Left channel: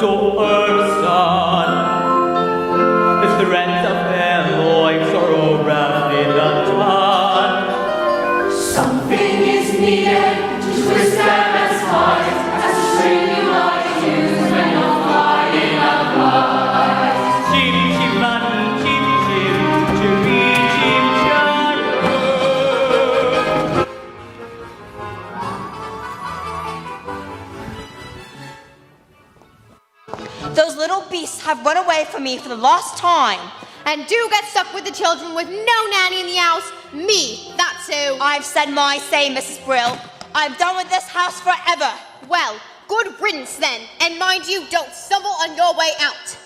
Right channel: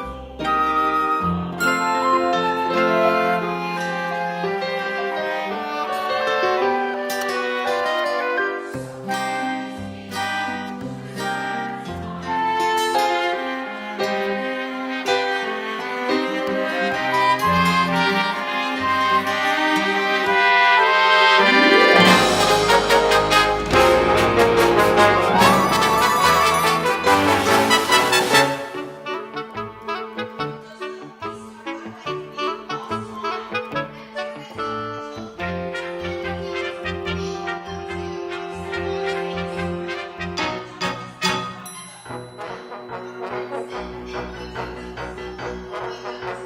to her son. If the rent of their loins are all roundly undone. Something is needed to twist them as hard as swinging like shoes when you're flying up high. Chim, chimney, Those little beasts have run away from me for the last time. And do get stuck with the children with no nanny in the house. Me, that's who. I've said my say, Mrs. Brill. I'm done with this house forever. Well, good riddance then. And mind you, don't stumble on your way out.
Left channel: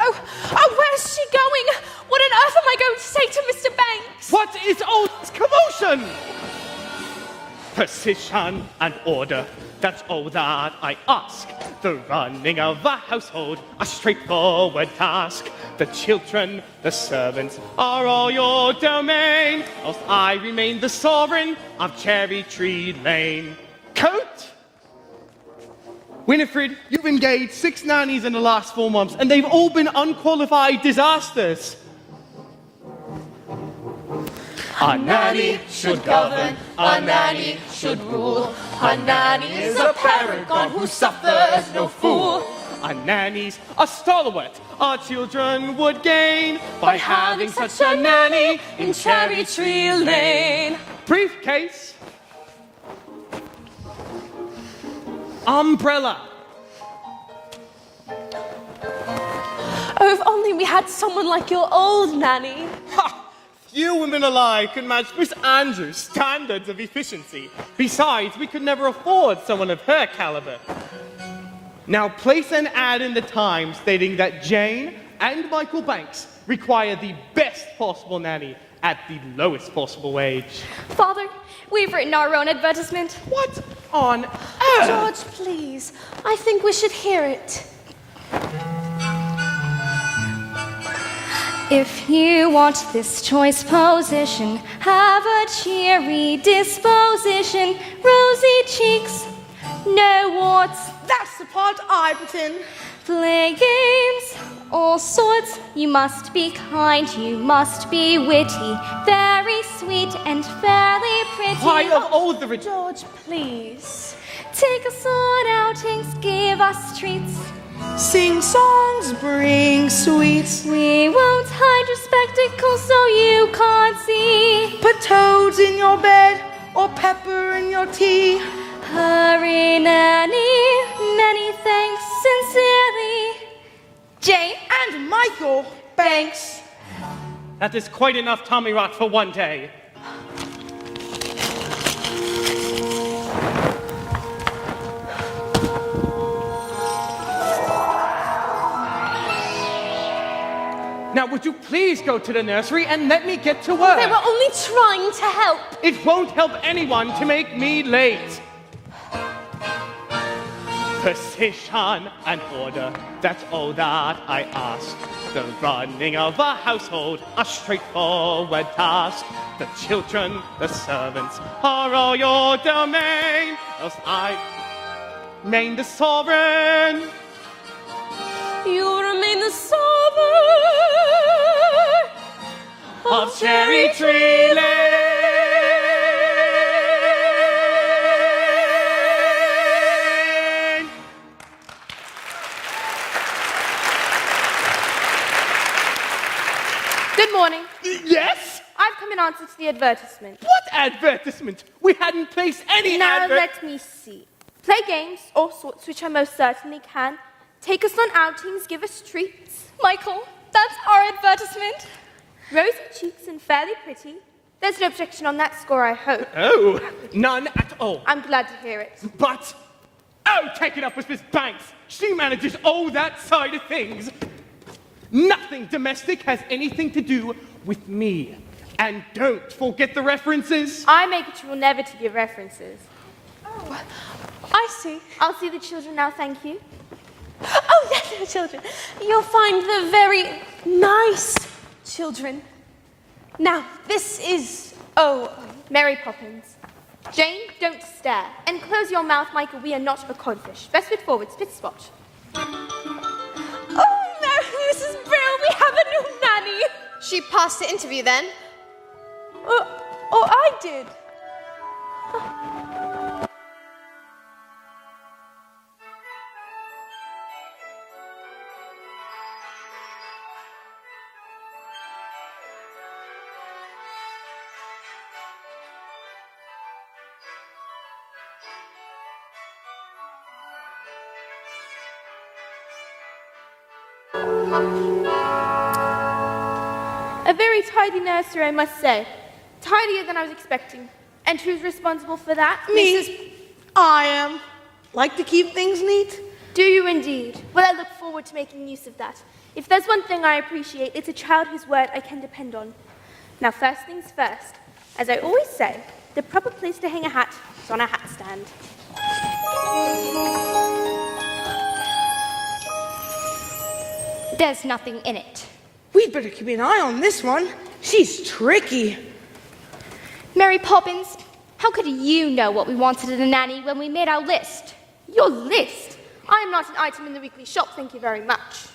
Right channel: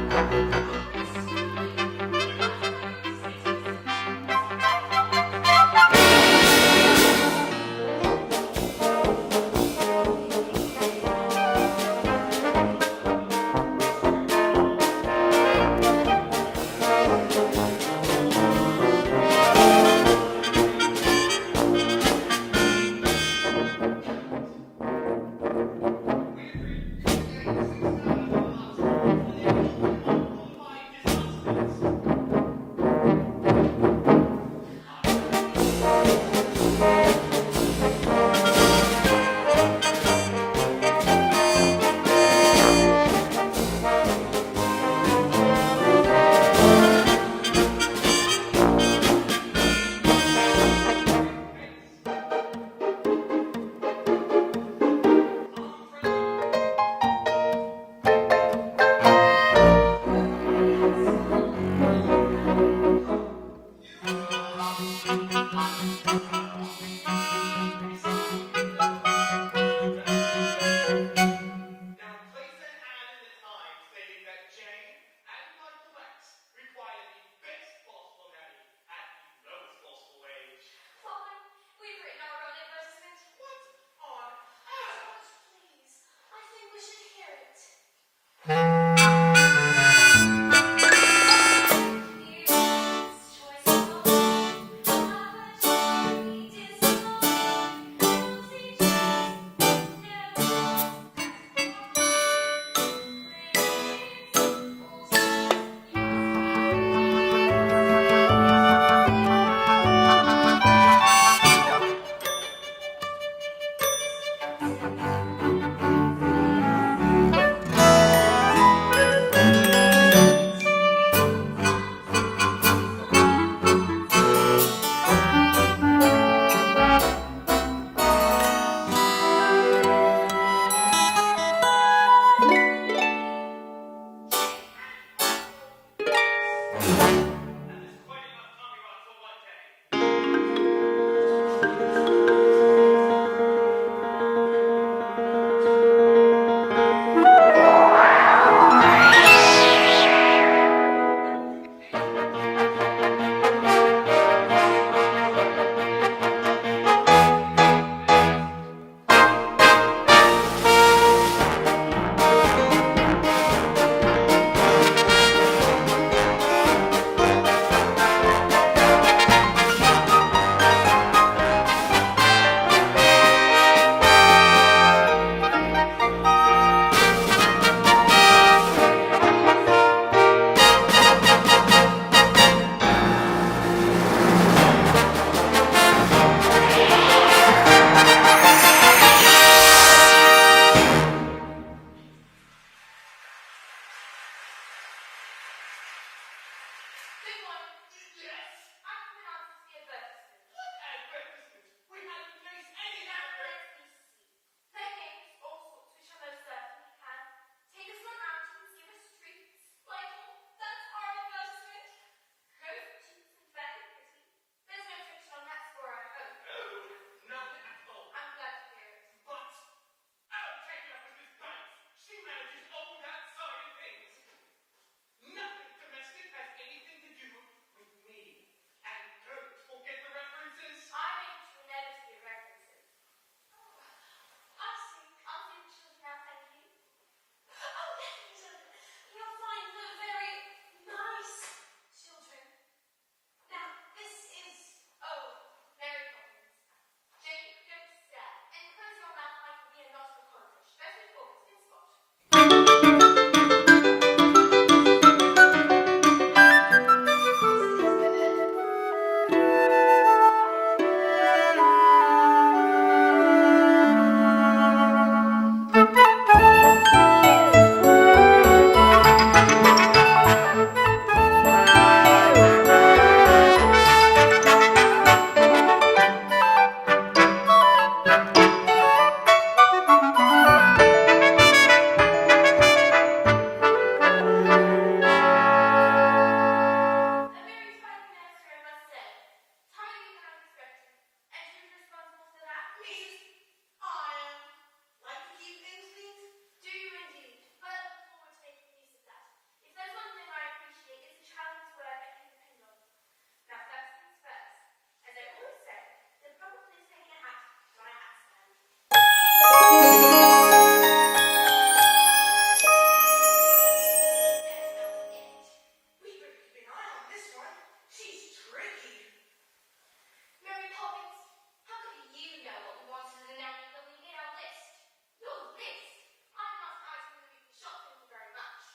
Oh, where's she going? What on earth am I going to say to Mr. Banks? What is all this commotion? Precision and order, that's all that I ask. The running of a household, a straightforward task. The children, the servants, are all your domain. I remain the sovereign of Cherry Tree Lane. Coat? Winifred, you've engaged 6 nannies in the last 4 months, and they've all been unqualified disasters. A nanny should govern, a nanny should rule. A nanny is a paragon who suffers no fools. Our nannies are stalwart, our children would gain By having such a nanny in Cherry Tree Lane. Briefcase. Umbrella. Oh, if only we had someone like your old nanny. Ha! Few women alive can match Miss Andrews' standards of efficiency. Besides, we could never afford someone of her caliber. Now place an ad in the Times stating that Jane and Michael Banks require the best possible nanny at the lowest possible wage. Father, we've written our own advertisement. What on earth? George, please. I think we should hear it. If you want this choice position, have a cheery disposition, rosy cheeks, no warts. That's the part I've written. Play games, all sorts. You must be kind, you must be witty, very sweet and very pretty. I of all the George, please. Take us on outings, give us treats. Sing songs, bring sweets. We won't hide your spectacles so you can't see. Put toads in your bed or pepper in your tea. Hurry, nanny, many thanks sincerely. Jane And Michael Banks. That is quite enough Tommy rot for one day. Now would you please go to the nursery and let me get to They work? were only trying to help. It won't help anyone to make me late. Precision and order, that's all that I ask. The running of a household, a straightforward task. The children, the servants, are all your domain. Remain the sovereign. You remain the sovereign. Of Cherry Tree Lane. Good morning. Yes? I've come in answer to the advertisement. What advertisement? We hadn't placed any Now advert. let me see. Play games, all sorts, which I most certainly can. Take us on outings, give us treats. Michael, that's our advertisement. Rosy cheeks and fairly pretty. There's no objection on that score, I hope. Oh, none at all. I'm glad to hear it. But, oh, take it up with Miss Banks. She manages all that side of things. Nothing domestic has anything to do with me. And don't forget the references. I make it rule never to give references. Oh, I see. I'll see the children now, thank you. Oh, yes, the children. You'll find the very nice children. Now, this is, Mary Poppins. Jane, don't stare. And close your mouth, Michael, we are not a codfish. Best foot forward, spit spot. asked to interview then. Oh, I did. A very tidy nursery, I must say. Tidier than I was expecting. And who's responsible for that? Me. Mrs. I am. Like to keep things neat. Do you indeed? Well, I look forward to making use of that. If there's one thing I appreciate, it's a child whose word I can depend on. Now, first things first. As I always say, the proper place to hang a hat is on a hat stand. There's nothing in it. We'd better keep an eye on this one. She's tricky. Mary Poppins, how could you know what we wanted in a nanny when we made our list? Your list? I am not an item in the weekly shop, thank you very much.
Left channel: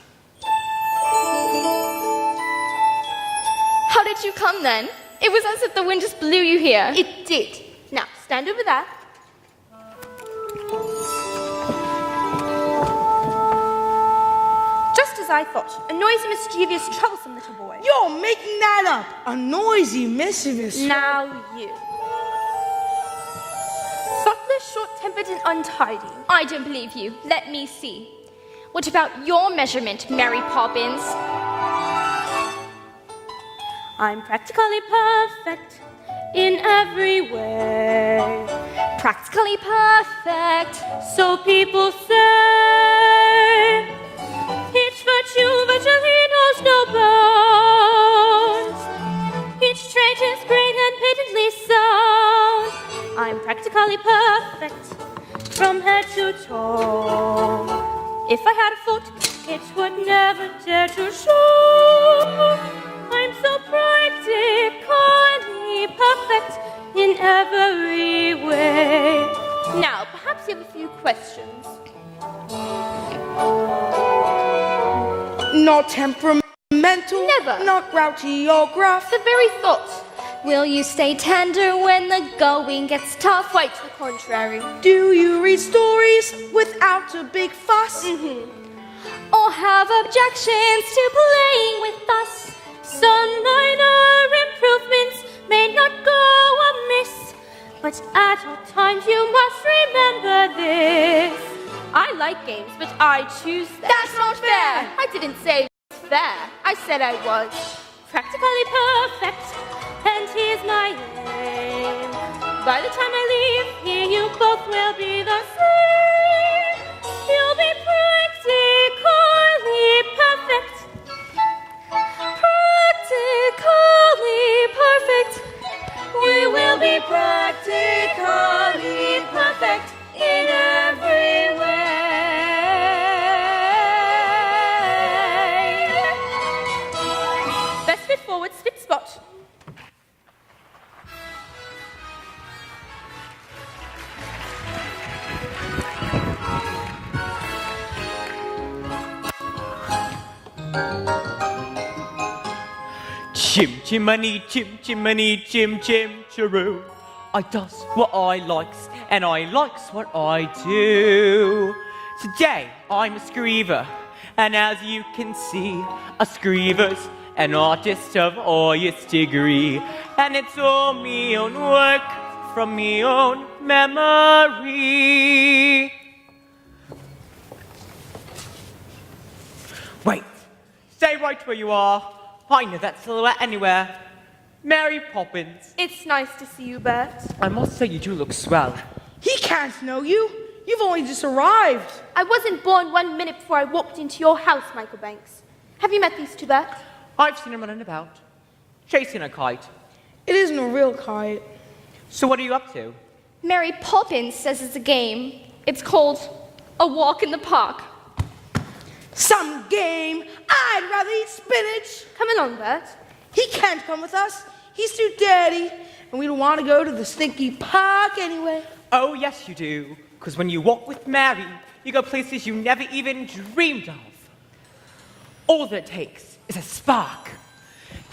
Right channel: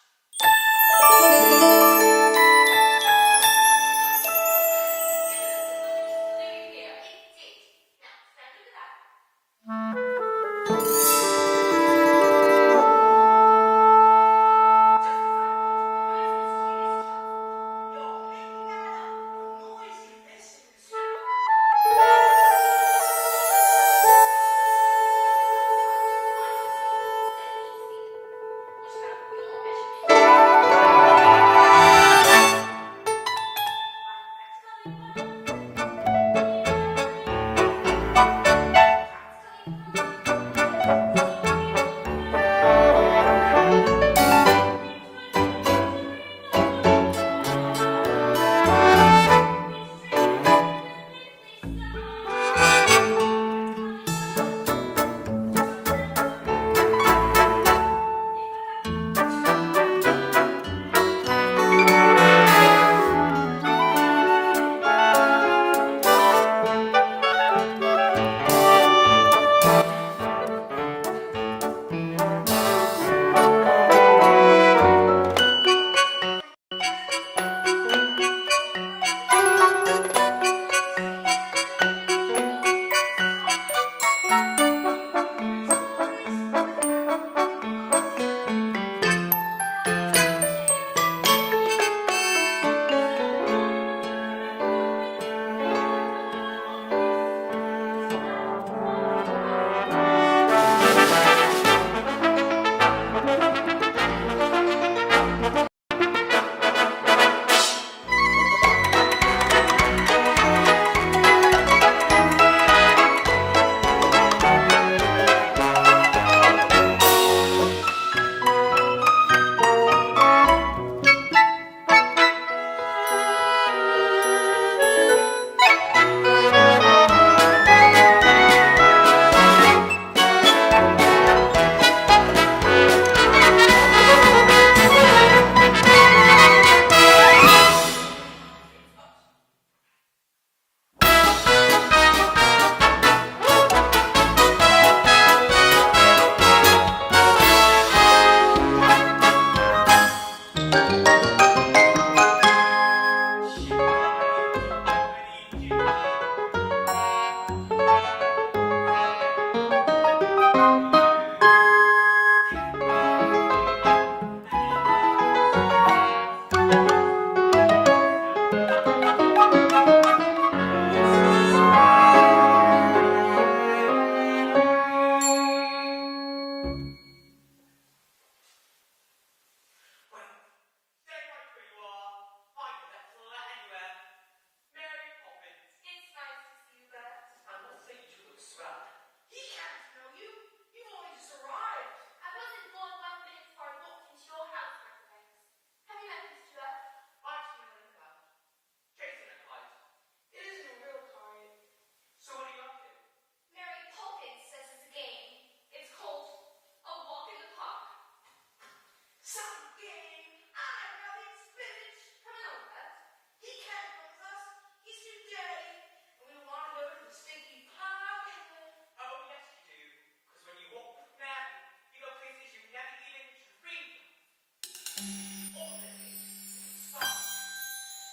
How did you come then? It was as if the wind just blew you here. It did. Now, stand over there. Just as I thought, a noisy, mischievous, troublesome little boy. You're making that up. A noisy, mischievous. Now you. Butler, short-tempered and untidy. I don't believe you. Let me see. What about your measurement, Mary Poppins? I'm practically perfect in every way. Practically perfect. So people say. Each virtue which he knows no boast. Each trait is great and patently so. I'm practically perfect from head to toe. If I had a foot, it would never dare to show. I'm so practically perfect in every way. Now, perhaps you have a few questions. Not temperamental. Never. Not grouchy or gruff. The very thought. Will you stay tender when the going gets tough? Quite the contrary. Do you read stories without a big fuss? Or have objections to playing with us? Some minor improvements may not go amiss, but at times you must remember this. I like it. I choose. That's not fair. I didn't say that. I said I was practically perfect, and here's my by the time I leave, in your book will be lost. You'll be practically perfect. Practically perfect. You will be Let's get forward, spit spot. Chim chimney, chim chimney, chim chim chiroo. I does what I likes, and I likes what I do. Today I'm a screever, and as you can see, a screever's an artist of highest degree, and it's all me own work from me own memory. Wait, stay right where you are. I know that silhouette anywhere. Mary Poppins. It's nice to see you, Bert. I must say you do look swell. He can't know you. You've only just arrived. I wasn't born 1 minute before I walked into your house, Michael Banks. Have you met these two, Bert? I've seen him running about, chasing a kite. It isn't a real kite. So what are you up to? Mary Poppins says it's a game. It's called A Walk in the Park. Some game. I'd rather eat spinach. Come along, Bert. He can't come with us. He's too dirty. And we don't want to go to the stinky park anyway. Oh, yes, you do. Because when you walk with Mary, you go places you never even dreamed of. All that it takes is a spark.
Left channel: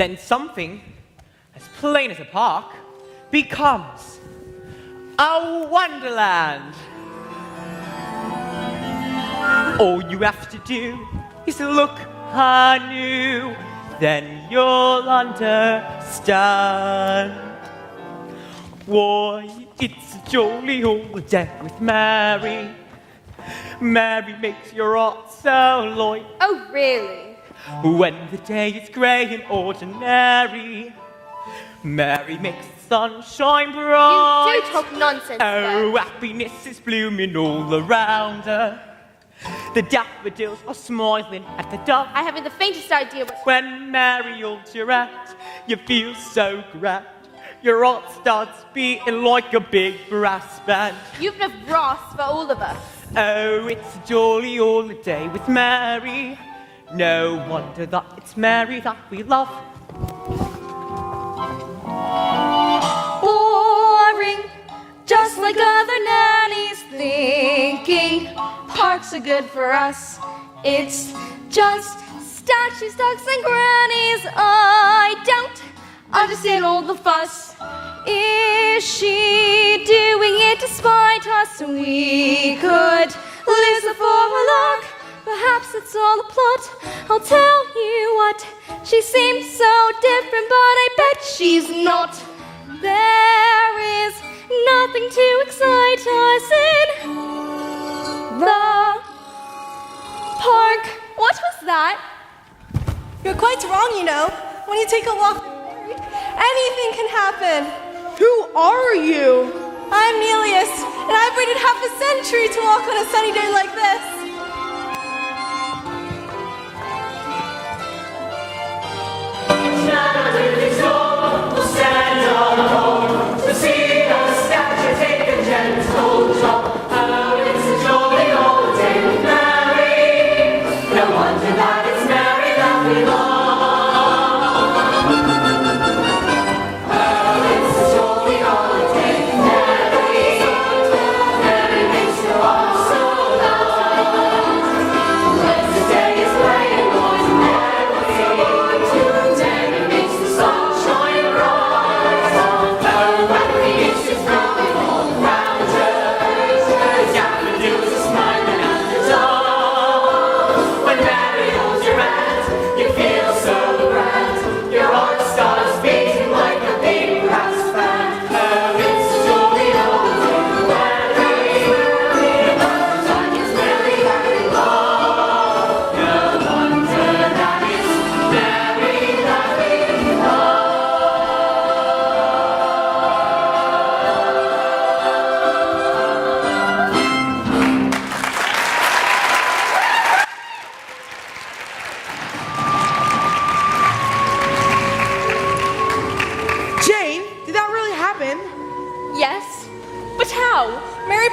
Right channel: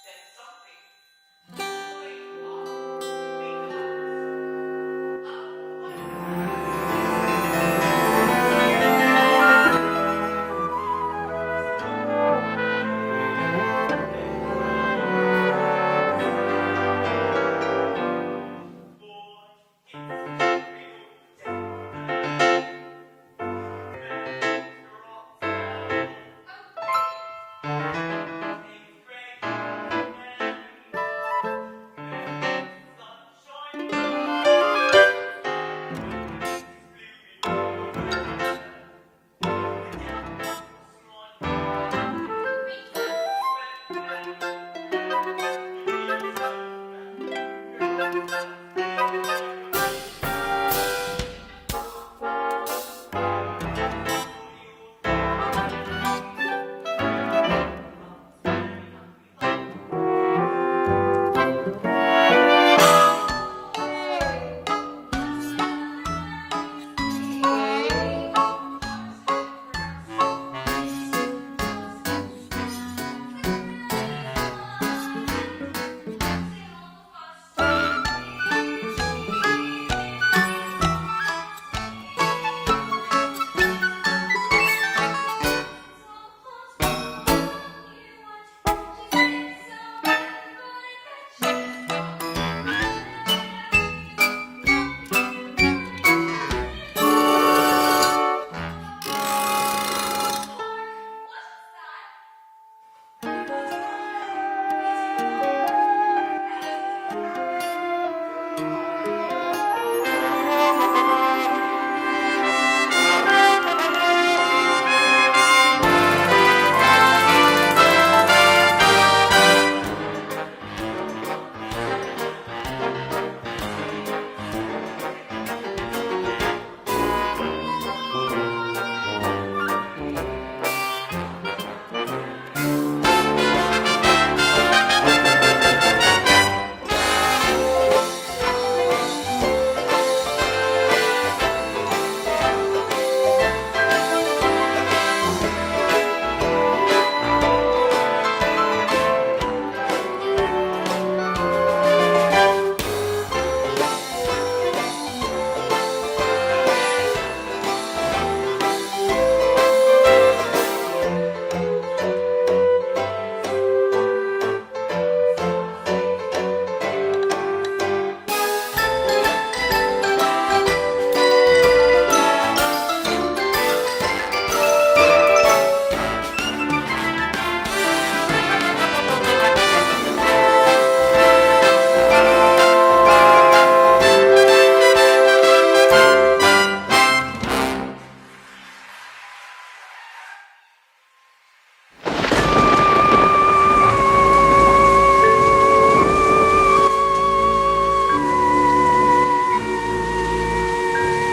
then something, plain as a park, becomes a wonderland. All you have to do is look anew, then you'll understand. Why, it's a jolly holiday with Mary. Mary makes your heart so light. Oh, really? When the day is grey and ordinary, Mary makes the sunshine bright. You do talk nonsense. Oh, happiness is blooming all around her. The daffodils are smiling at the dawn. I haven't the faintest idea what... When Mary holds your hand, you feel so grand. Your heart starts beating like a big brass band. You've enough brass for all of us. Oh, it's a jolly holiday with Mary. No wonder that it's Mary that we love. Boring, just like other nannies thinking parks are good for us. It's just statues, ducks, and grannies. I don't understand all the fuss. Is she doing it to spite us? We could lose the formula. Perhaps it's all a plot. I'll tell you what. She seems so different, but I bet she's not. There is nothing to excite us in the park. What was that? You're quite wrong, you know. When you take a walk, anything can happen. Who are you? I'm Nelius, and I've waited half a century to walk on a sunny day like this.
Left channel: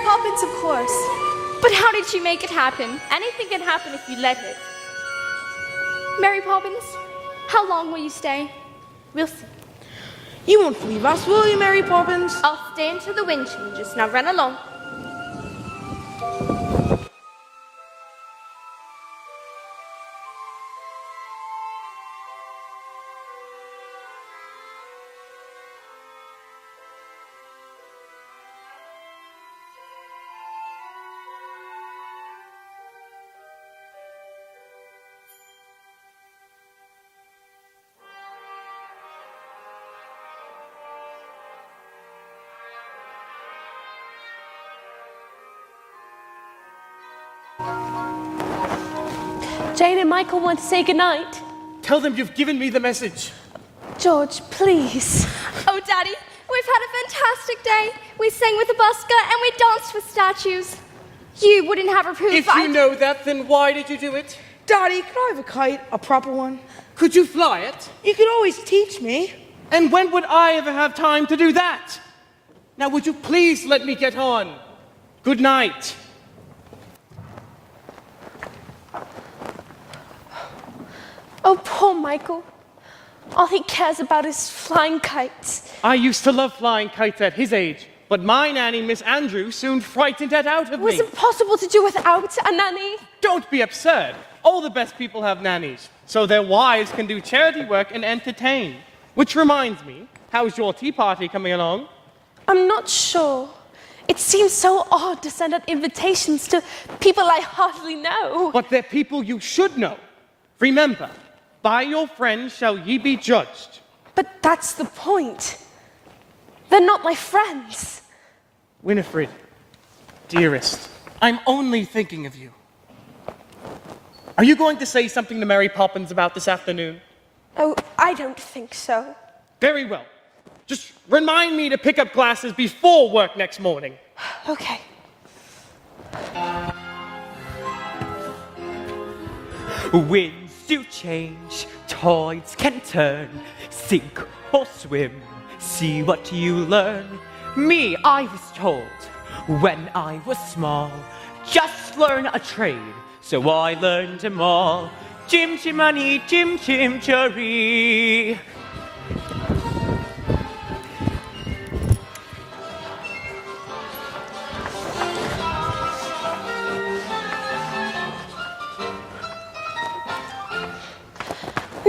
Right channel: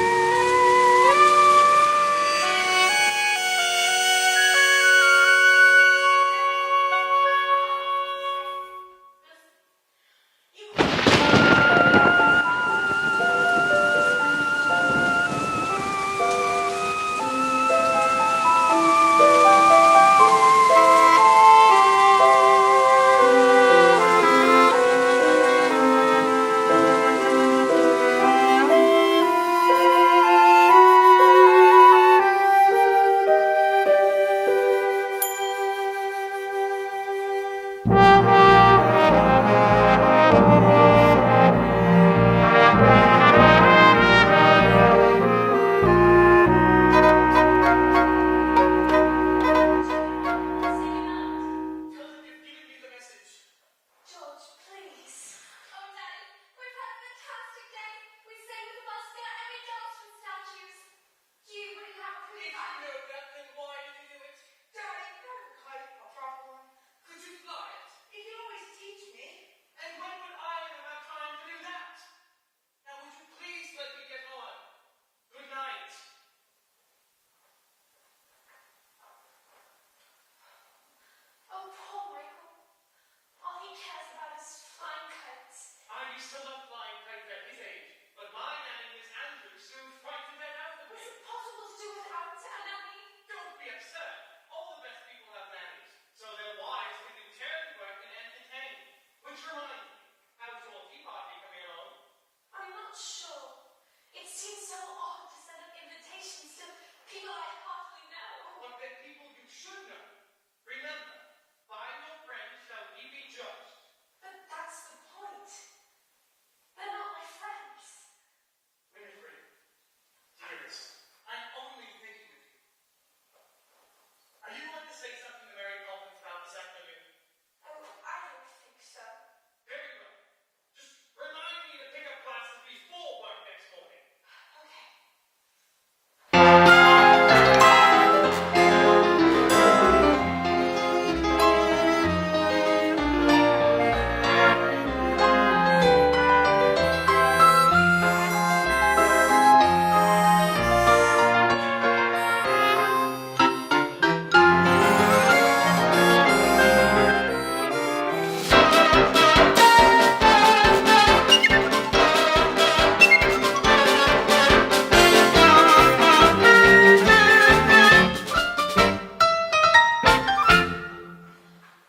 Poppins, of course. But how did she make it happen? Anything can happen if you let it. Mary Poppins, how long will you stay? We'll see. You won't leave us, will you, Mary Poppins? I'll stay until the wind changes. Now run along. Michael want to say goodnight. Tell them you've given me the message. George, please. Oh, Daddy, we've had a fantastic day. We sang with the busker and we danced with statues. You wouldn't have approved. If you know that, then why did you do it? Daddy, could I have a kite, a proper one? Could you fly it? You could always teach me. And when would I ever have time to do that? Now, would you please let me get on? Good night. Oh, poor Michael. All he cares about is flying kites. I used to love flying kites at his age, but my nanny, Miss Andrews, soon frightened that out of It was me. impossible to do without a nanny. Don't be absurd. all the best people have nannies, so their wives can do charity work and entertain. Which reminds me, how's your tea party coming along? I'm not sure. It seems so odd to send out invitations to people I hardly know. But they're people you should know. Remember, by your friends shall ye be judged. But that's the point. They're not my friends. Winifred, dearest, I'm only thinking of you. Are you going to say something to Mary Poppins about this afternoon? Oh, I don't think so. Very well. Just remind me to pick up glasses before work next morning. Okay. Winds do change, tides can turn, sink or swim, see what you learn. Me, I was told when I was small, just learn a trade, so I learned them all. Chim chimney, chim chim cherry.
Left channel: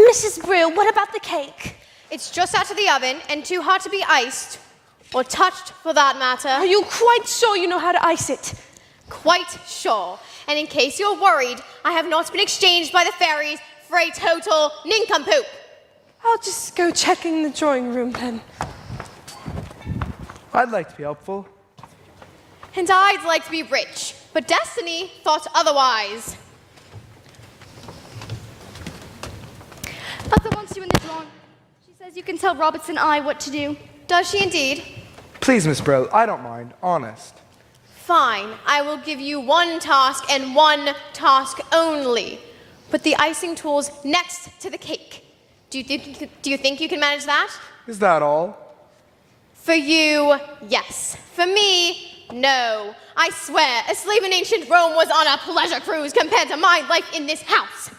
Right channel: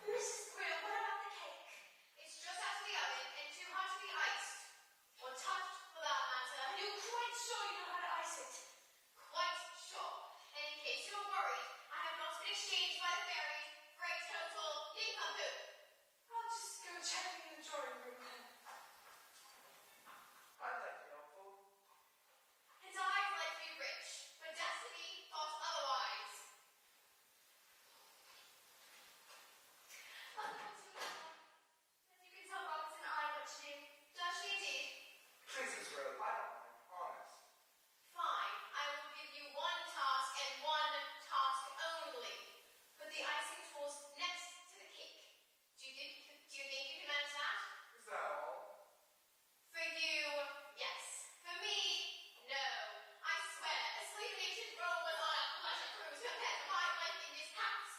Mrs. Brill, what about the cake? It's just out of the oven and too hot to be iced. Or touched, for that matter. Are you quite sure you know how to ice it? Quite sure. And in case you're worried, I have not been exchanged by the fairies for a total nincompoop. I'll just go check in the drawing room then. I'd like to be helpful. And I'd like to be rich, but Destiny thought otherwise. Mother wants you in the drawing. She says you can tell Roberts and I what to do. Does she indeed? Please, Miss Brill, I don't mind, honest. Fine, I will give you one task and one task only. Put the icing tools next to the cake. Do you think you can manage that? Is that all? For you, yes. For me, no. I swear, a slave in ancient Rome was on a pleasure cruise compared to my life in this house.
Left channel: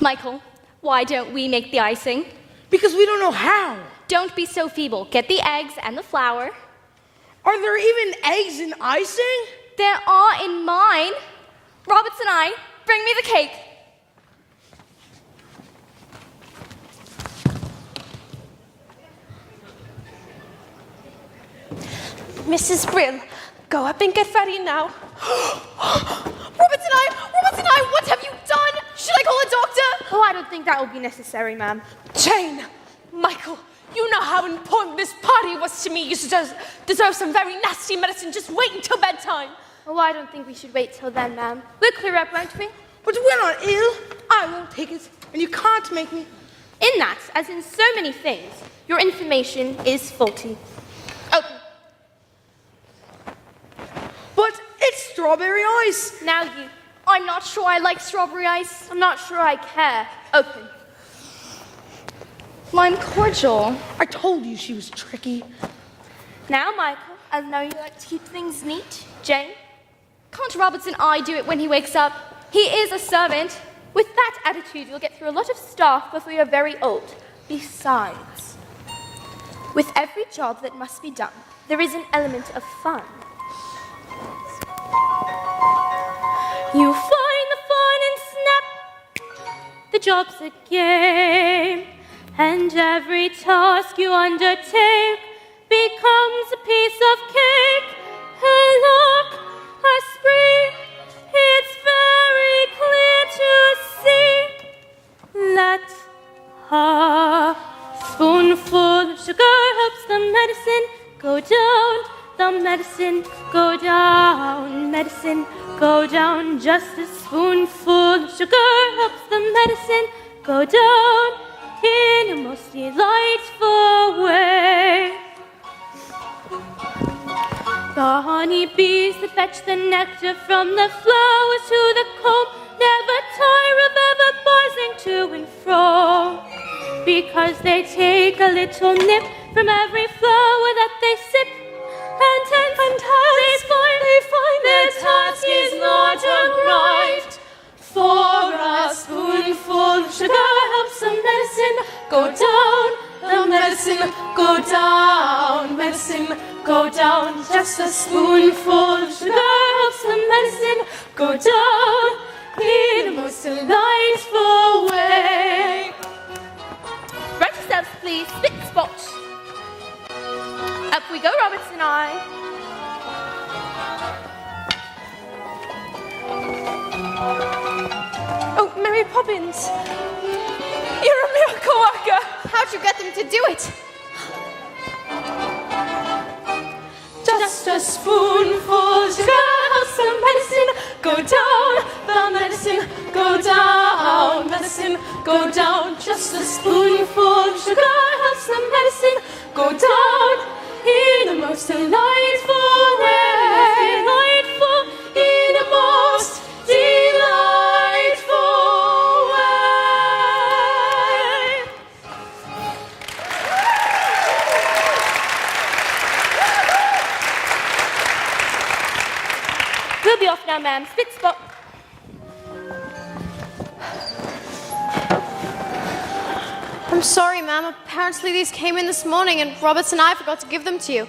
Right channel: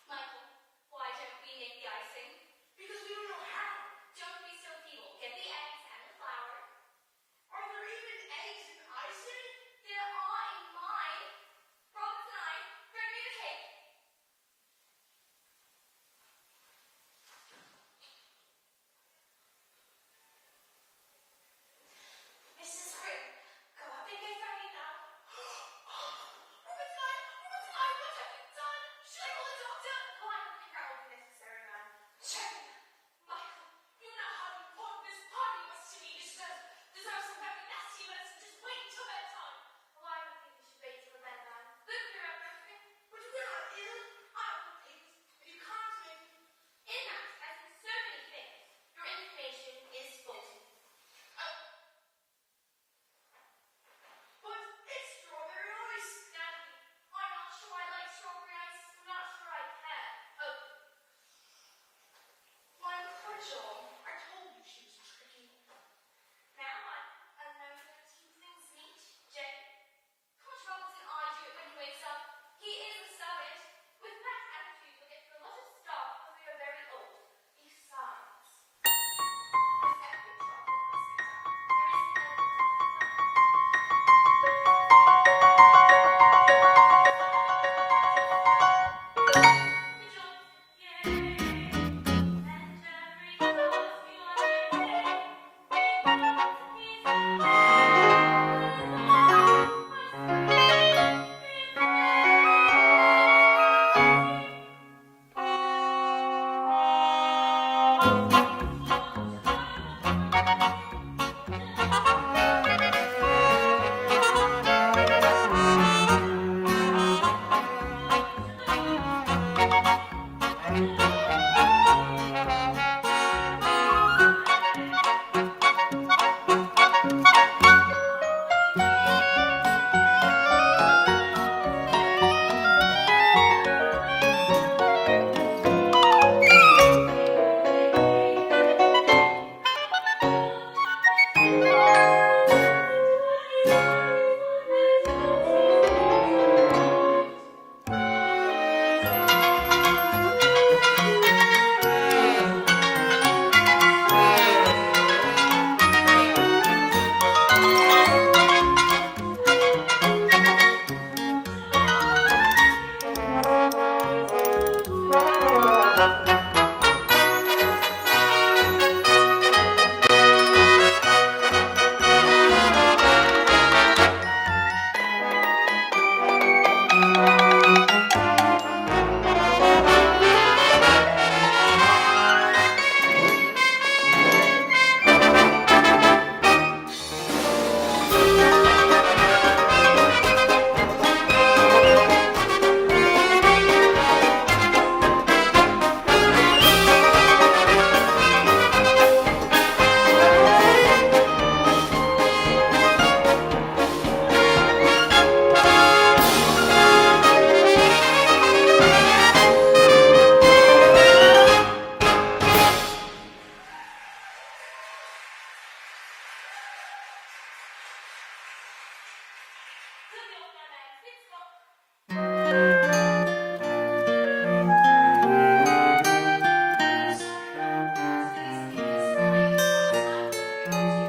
Michael, why don't we make the icing? Because we don't know how. Don't be so feeble. Get the eggs and the flour. Are there even eggs in icing? There are in mine. Roberts and I, bring me the cake. Mrs. Brill, go up and get ready now. Roberts and I, what have you done? Should I call a doctor? Oh, I don't think that will be necessary, ma'am. Jane, Michael, you know how important this party was to me. You deserve some very nasty medicine. Just wait until bedtime. Oh, I don't think we should wait till then, ma'am. We'll clear up, won't we? But we're not ill. I won't take it, and you can't make me. In that, as in so many things, your information is faulty. Open. But it's strawberry ice. Now you. I'm not sure I like strawberry ice. I'm not sure I care. Open. Lime cordial. I told you she was tricky. Now, Michael, I know you like to keep things neat. Jane? Can't Roberts and I do it when he wakes up? He is a servant. With that attitude, you'll get through a lot of staff before you're very old. Besides, with every job that must be done, there is an element of fun. You find the fun and snap. The job's a game, and every task you undertake becomes a piece of cake. A look, a spring, it's very clear to see. Let a spoonful of sugar helps the medicine go down. The medicine go down. Medicine go down. Just a spoonful of sugar helps the medicine go down in a most delightful way. The honeybees that fetch the nectar from the flowers to the comb never tire of ever buzzing to and fro, because they take a little nip from every flower that they sip, and they find their task is not unright. For a spoonful of sugar helps the medicine go down, the medicine go down, medicine go down. Just a spoonful of sugar helps the medicine fit spot. I'm sorry, ma'am. Apparently these came in this morning and Roberts and I forgot to give them to you.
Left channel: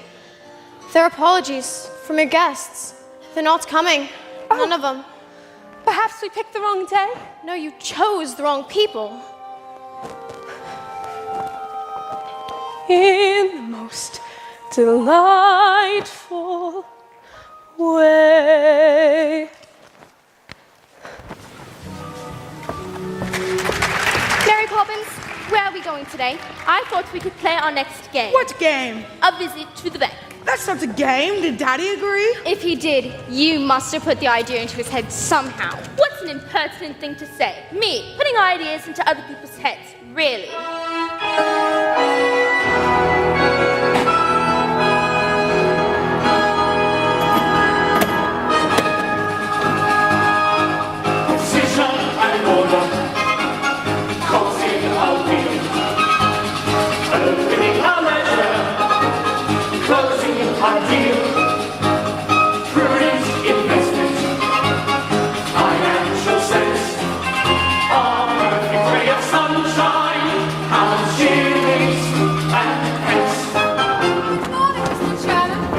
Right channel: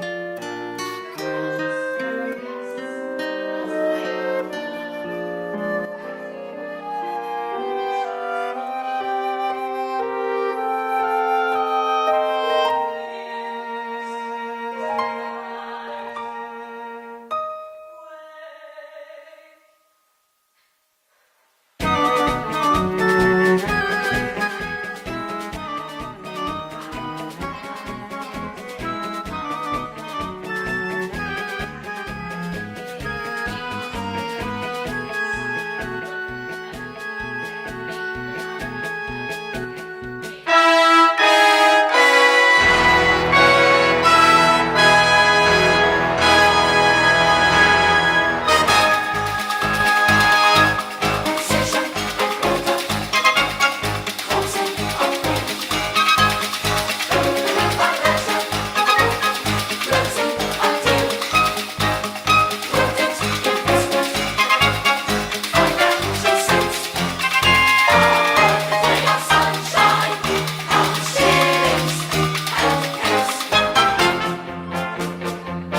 They're apologies from your guests. They're not coming. None of them. Perhaps we picked the wrong day. No, you chose the wrong people. In the most delightful way. Mary Poppins, where are we going today? I thought we could play our next game. What game? A visit to the bank. That's not a game. Did Daddy agree? If he did, you must have put the idea into his head somehow. What's an impertinent thing to say? Me, putting ideas into other people's heads. Really?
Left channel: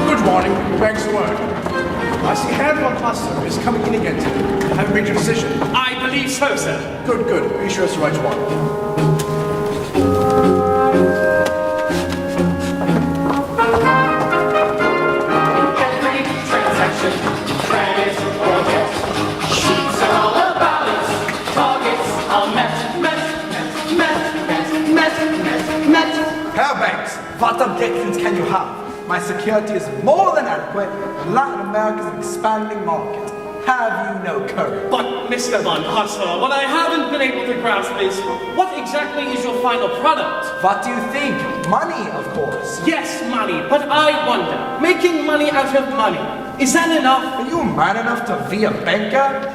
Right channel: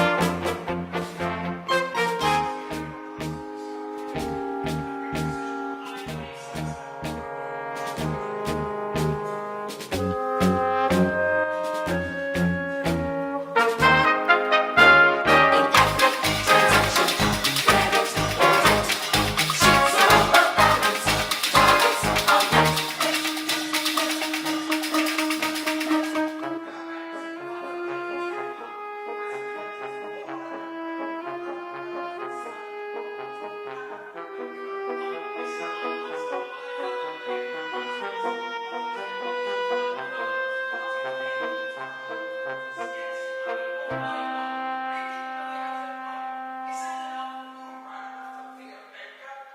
Good morning. Thanks for work. I see Herr Cluster is coming in again today. I haven't made your decision. I believe so, sir. Good, good. Be sure it's the right one. Herr Banks, what objections can you have? My security is more than adequate, and Latin America is an expanding market. Have you no courage? But, Mr. Van Hustler, what I haven't been able to grasp is, what exactly is your final product? What do you think? Money, of course. Yes, money, but I wonder, making money out of money, is that enough? Are you man enough to be a banker?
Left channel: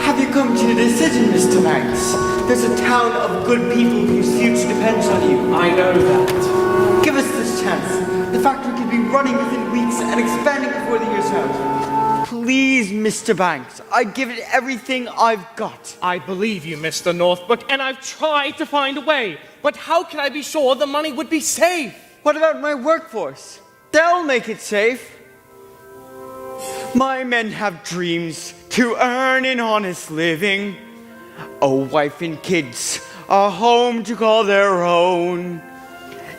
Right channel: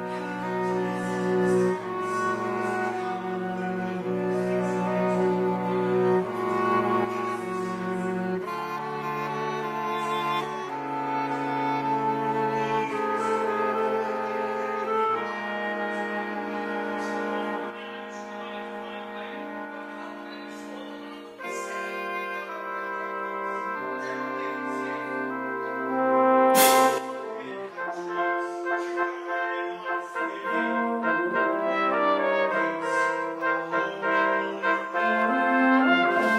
Have you come to a decision, Mr. Banks? There's a town of good people whose future depends on you. I know that. Give us this chance. The factory could be running within weeks and expanding before the year's out. Please, Mr. Banks, I'd give it everything I've got. I believe you, Mr. Northbrook, and I've tried to find a way. But how can I be sure the money would be safe? What about my workforce? They'll make it safe. My men have dreams to earn an honest living. A wife and kids, a home to call their own.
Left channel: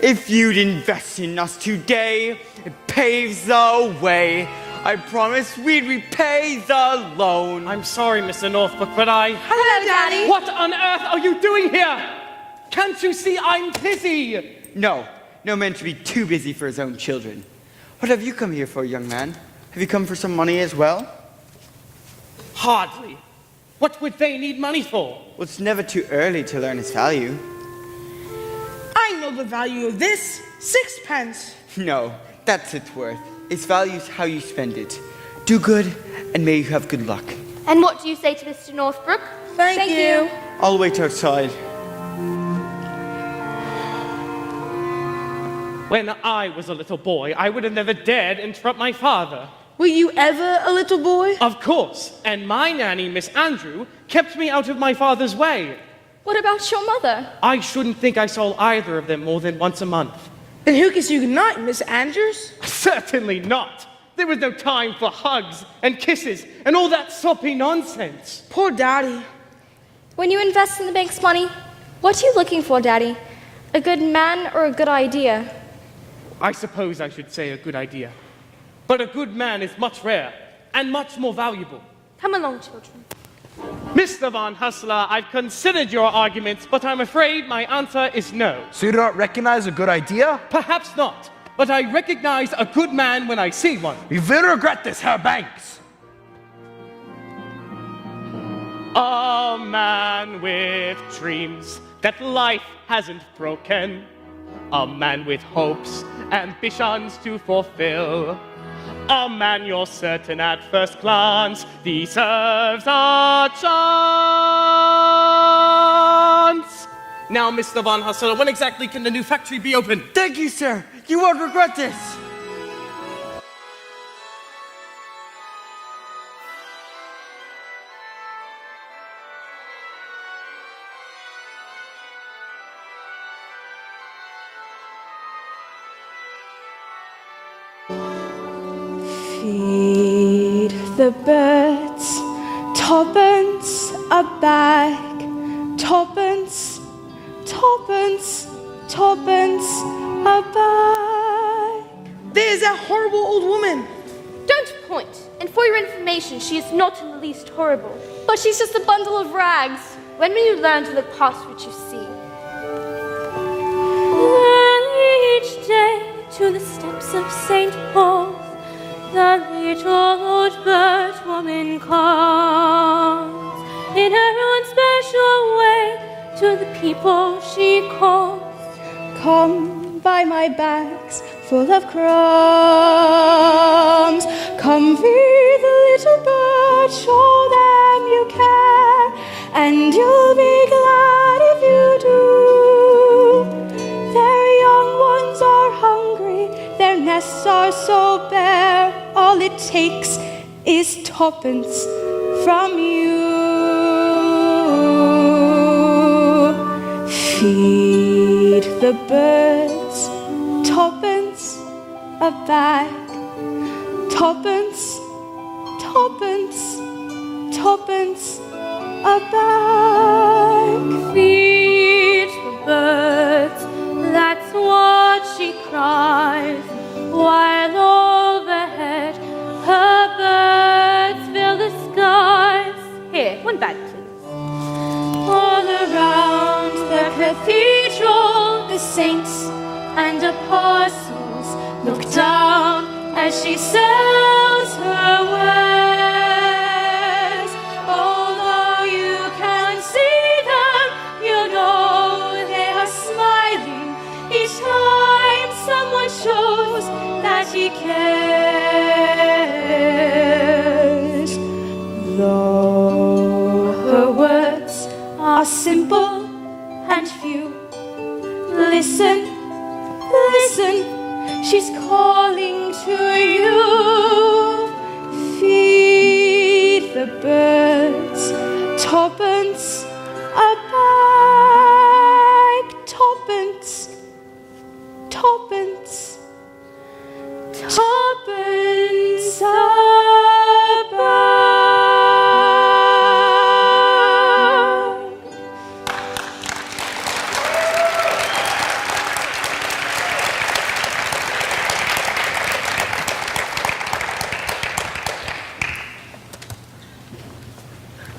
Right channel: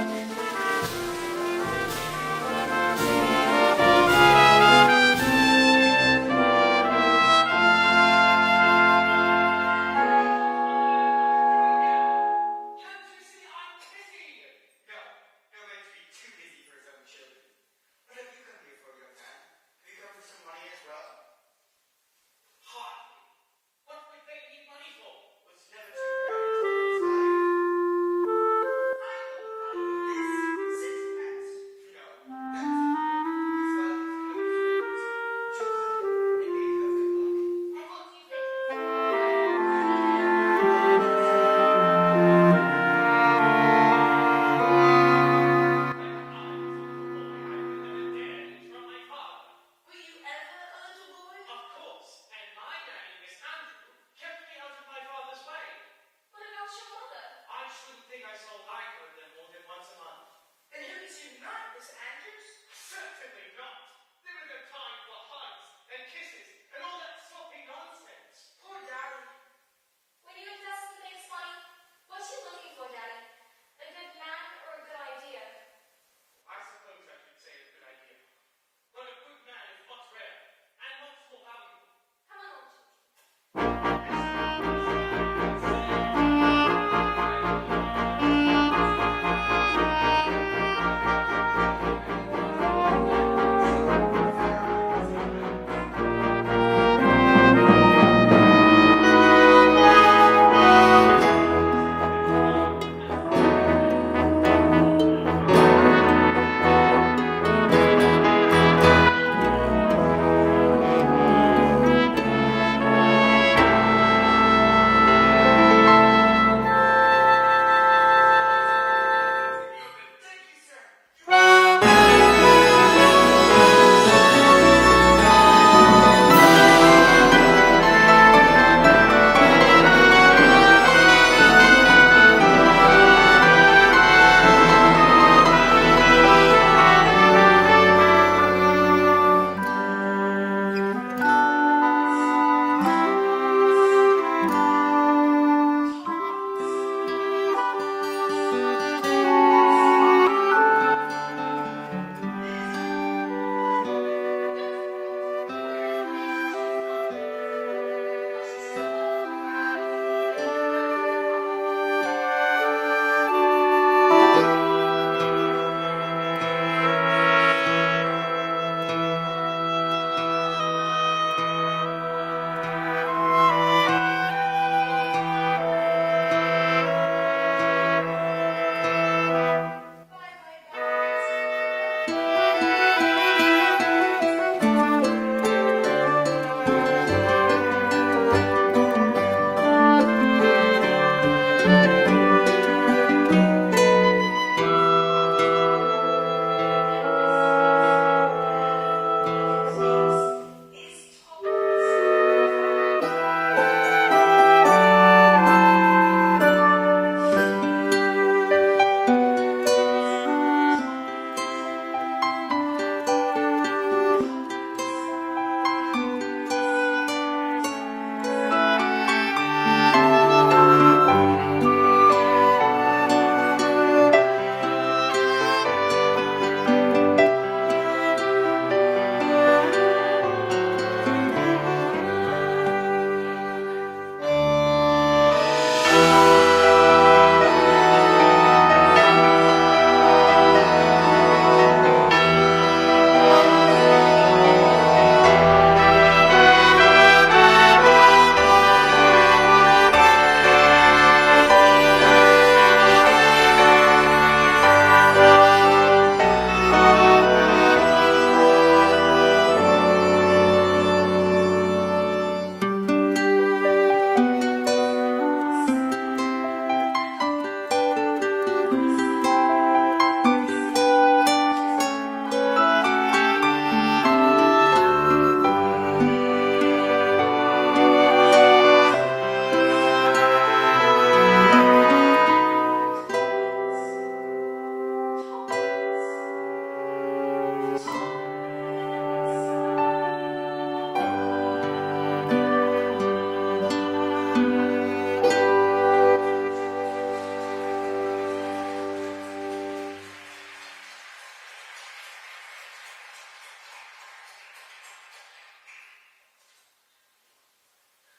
If you'd invest in us today, it paves the way. I promise we'd repay the loan. I'm sorry, Mr. Northbrook, but Hello, Daddy. What on earth are you doing here? Can't you see I'm busy? No man should be too busy for his own children. What have you come here for, young man? Have you come for some money as well? Hardly. What would they need money for? Well, it's never too early to learn its value. I know the value of this. 6 pence. No, that's its worth. Its value is how you spend it. Do good, and may you have good luck. And what do you say to Mr. Northbrook? Thank you. I'll wait outside. When I was a little boy, I would have never dared interrupt my father. Were you ever a little boy? Of course, and my nanny, Miss Andrew, kept me out of my father's way. What about your mother? I shouldn't think I saw either of them more than once a month. Then who kissed you goodnight, Miss Andrews? Certainly not. There was no time for hugs and kisses and all that soppy nonsense. Poor Daddy. When you invest in the bank's money, what are you looking for, Daddy? A good man or a good idea? I suppose I should say a good idea. But a good man is much rarer and much more valuable. Come along, children. Mr. Van Hustler, I've considered your arguments, but I'm afraid my answer is no. So you do not recognize a good idea? Perhaps not, but I recognize a good man when I see one. You will regret this, Herr Banks. A man with dreams that life hasn't broken. A man with hopes, ambitions to fulfill. A man you're certain at first glance deserves a chance. Mr. Van Hassel. When exactly can the new factory be open? Thank you, sir. You won't regret it. Feed the birds, tuppence a bag, tuppence, tuppence, tuppence a bag. There's that horrible old woman. Don't point. And for your information, she is not in the least horrible. But she's just a bundle of rags. When will you learn to look past what you see? Each day to the steps of St. Paul, the little old bird woman calls. In her own special way to the people she calls. Come buy my bags full of crumbs. Come feed the little bird, show them you care, and you'll be glad if you do. Their young ones are hungry, their nests are so bare. All it takes is tuppence from you. Feed the birds, tuppence a bag, tuppence, tuppence, tuppence a bag. Feed the birds, that's what she cries, while overhead her birds fill the skies. Here, one bag, please. All around the cathedral, the saints and apostles look down as she says her words. Although you can't see them, you know they're silent. Each time someone shows that he cares. Though her words are simple and few, listen, listen, she's calling to you. Feed the birds, tuppence a bag, tuppence, tuppence, tuppence a bag.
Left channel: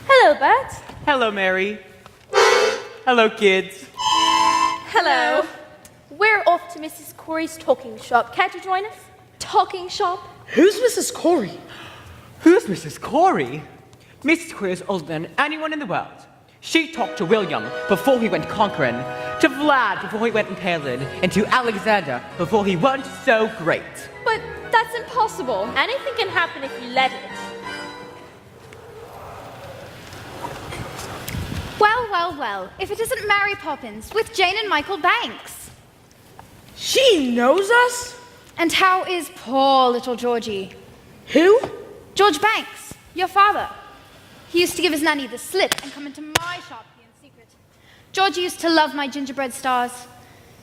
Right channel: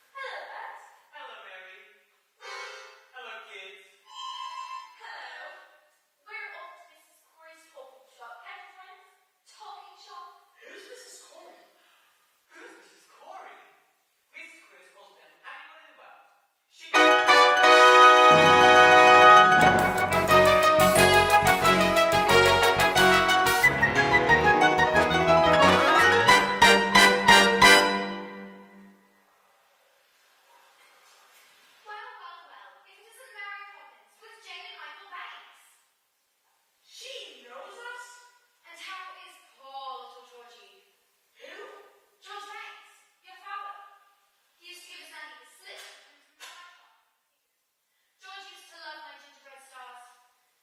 Hello, Bert. Hello, Mary. Hello, kids. Hello. We're off to Mrs. Corey's talking shop. Care to join us? Talking shop. Who's Mrs. Corey? Who's Mrs. Corey? Mrs. Corey is older than anyone in the world. She talked to William before we went conquering, to Vlad before we went to Helen, and to Alexander before he was so great. But that's impossible. Anything can happen if you let it. Well, well, well. If it isn't Mary Poppins with Jane and Michael Banks. She knows us? And how is poor little Georgie? Who? George Banks, your father. He used to give his nanny the slip and come into my shop here in secret. Georgie used to love my gingerbread stars.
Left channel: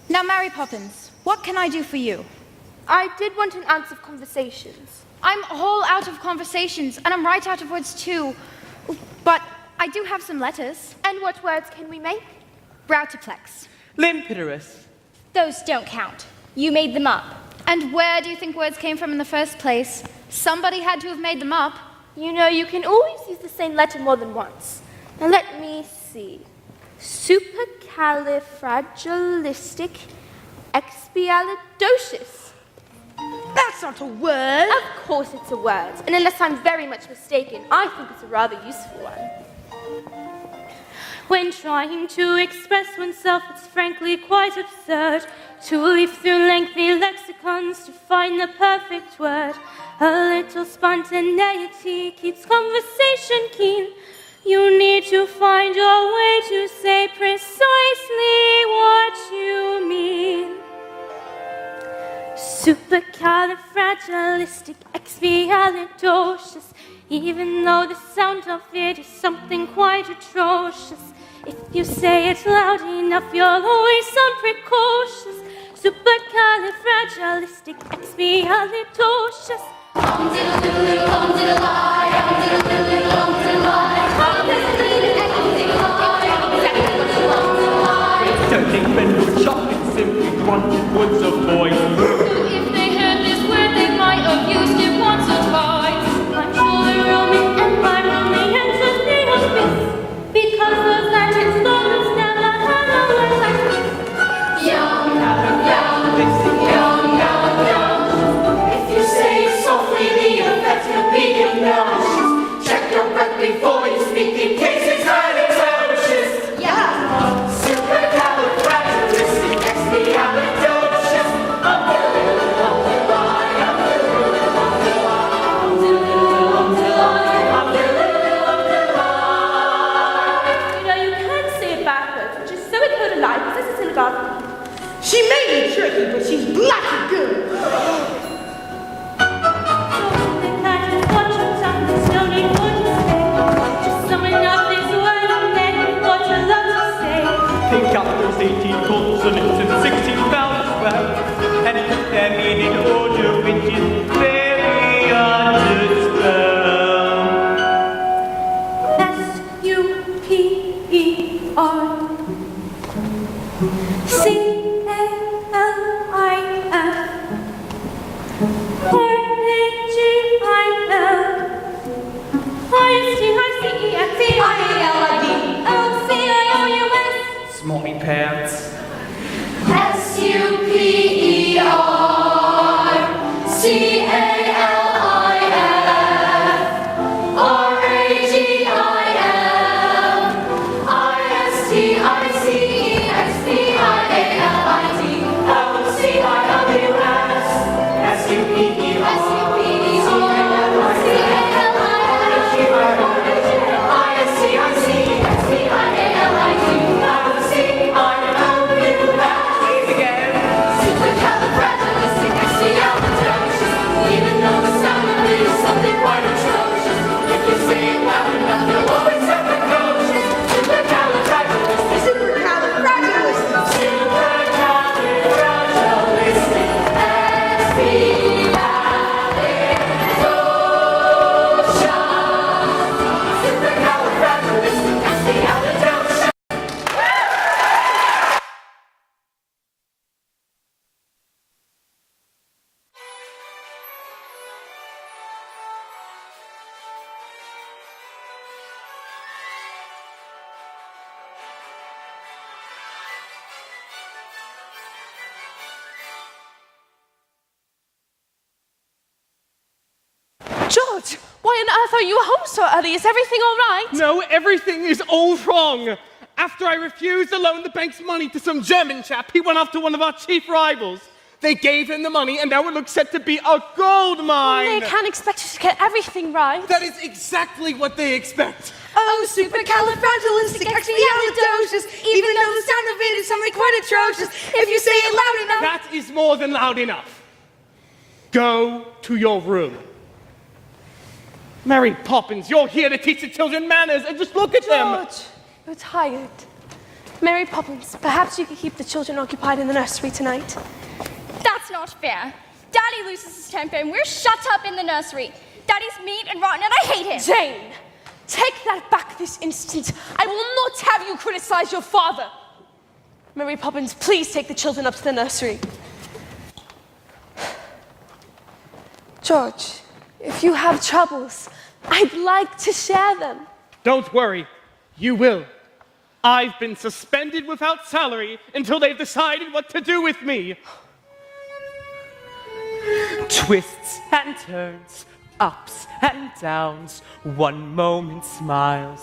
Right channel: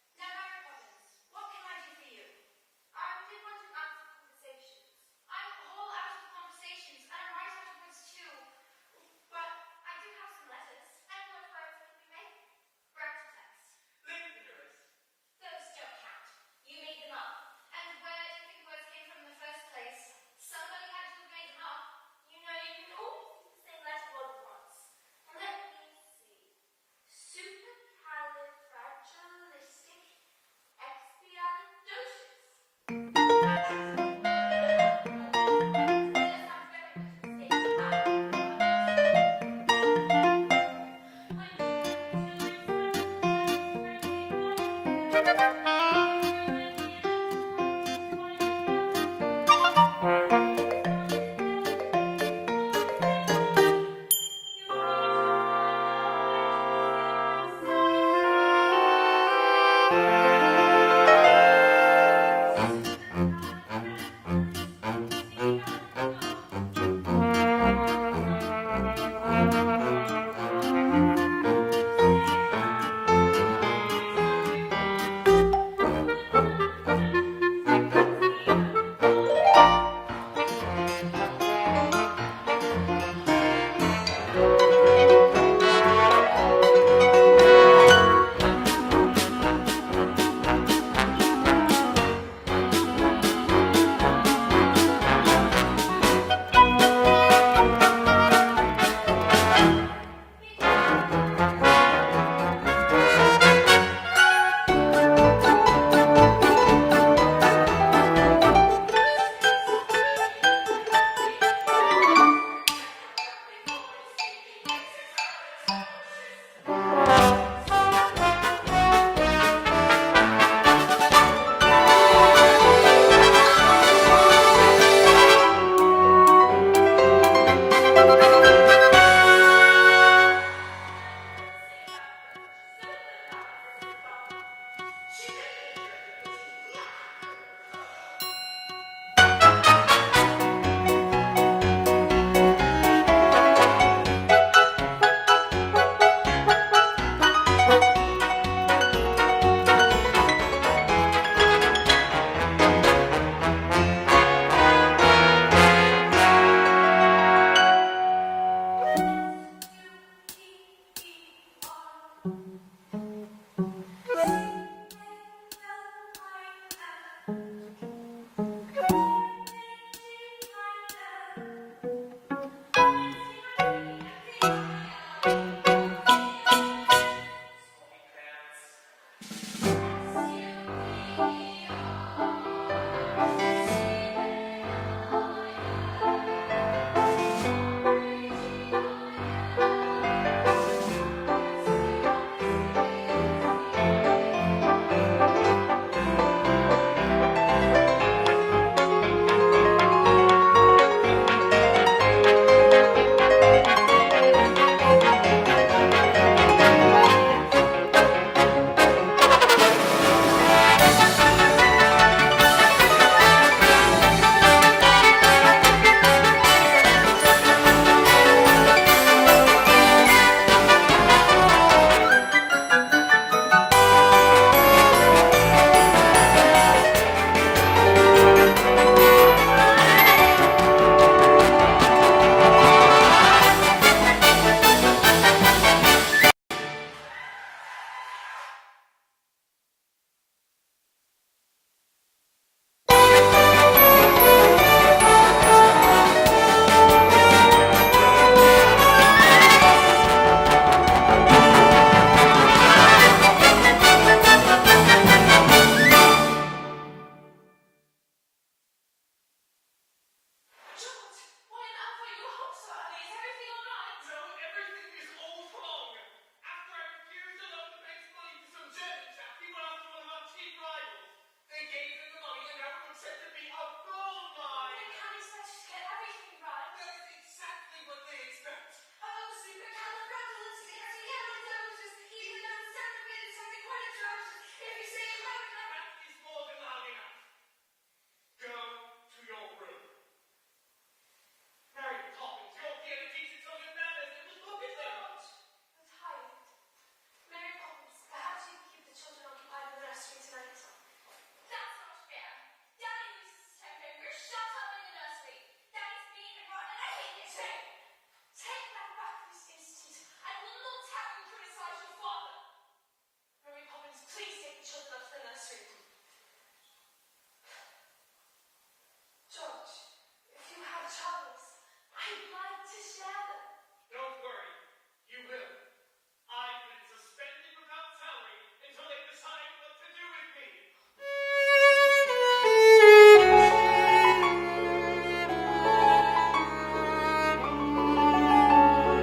Now, Mary Poppins, what can I do for you? I did want an ounce of conversations. I'm all out of conversations, and I'm right out of words too. But I do have some letters. And what words can we make? Routerplex. Limpidorus. Those don't count. You made them up. And where do you think words came from in the first place? Somebody had to have made them up. You know, you can always use the same letter more than once. Now let me see. Supercalifragilistic expialidocious. That's not a word. Of course it's a word, and unless I'm very much mistaken, I think it's a rather useful one. When trying to express oneself is frankly quite absurd, to leaf through lengthy lexicons to find the perfect word. A little spontaneity keeps conversation keen. You need to find a way to say precisely what Supercalifragilistic, expialidocious. Even though the sound of it is something quite atrocious, if you say it loud enough, you'll always sound precocious. Supercalifragilistic, expialidocious. Hum-diddle-doodle, hum-diddle-lie, hum-diddle-doodle, hum-diddle-lie, hum-diddle-doodle, hum-diddle-lie. Don't think men were chocolate, simply wanted words of boy. If they heard this word, they might have used it once or twice. I'm fully rolling and I'm rolling into the abyss, because those legends never Yum, yum, yum, yum, yum, yum. If you say it softly, the effect will be obnoxious. Check your breath before you speak in case it's highly atrocious. Yeah. Supercalifragilistic, expialidocious. You know, you can say it backwards, which is so impolite, because this is synagogue. She may be tricky, but she's black and good. Think up those 18 consonants and 16 vowels back, and put them in order when you very understand. Smarty pants. George, why on earth are you home so early? Is everything all right? No, everything is all wrong. After I refused to loan the bank's money to some German chap, he went after one of our chief rivals. They gave him the money, and now it looks set to be a gold mine. They can't expect you to get everything right. That is exactly what they expect. Oh, supercalifragilistic, expialidocious. Even though the sound of it is something quite atrocious, if you say it loud enough. That is more than loud enough. Go to your room. Mary Poppins, you're here to teach the children manners, and just look at them. George, you're tired. Mary Poppins, perhaps you could keep the children occupied in the nursery tonight. That's not fair. Daddy loses his temper and we're shut up in the nursery. Daddy's mean and rotten and I hate him. Jane, take that back this instant. I will not have you criticize your father. Mary Poppins, please take the children up to the nursery. George, if you have troubles, I'd like to share them. Don't worry, you will. I've been suspended without salary until they've decided what to do with me. Twists and turns, ups and downs. One moment smiles,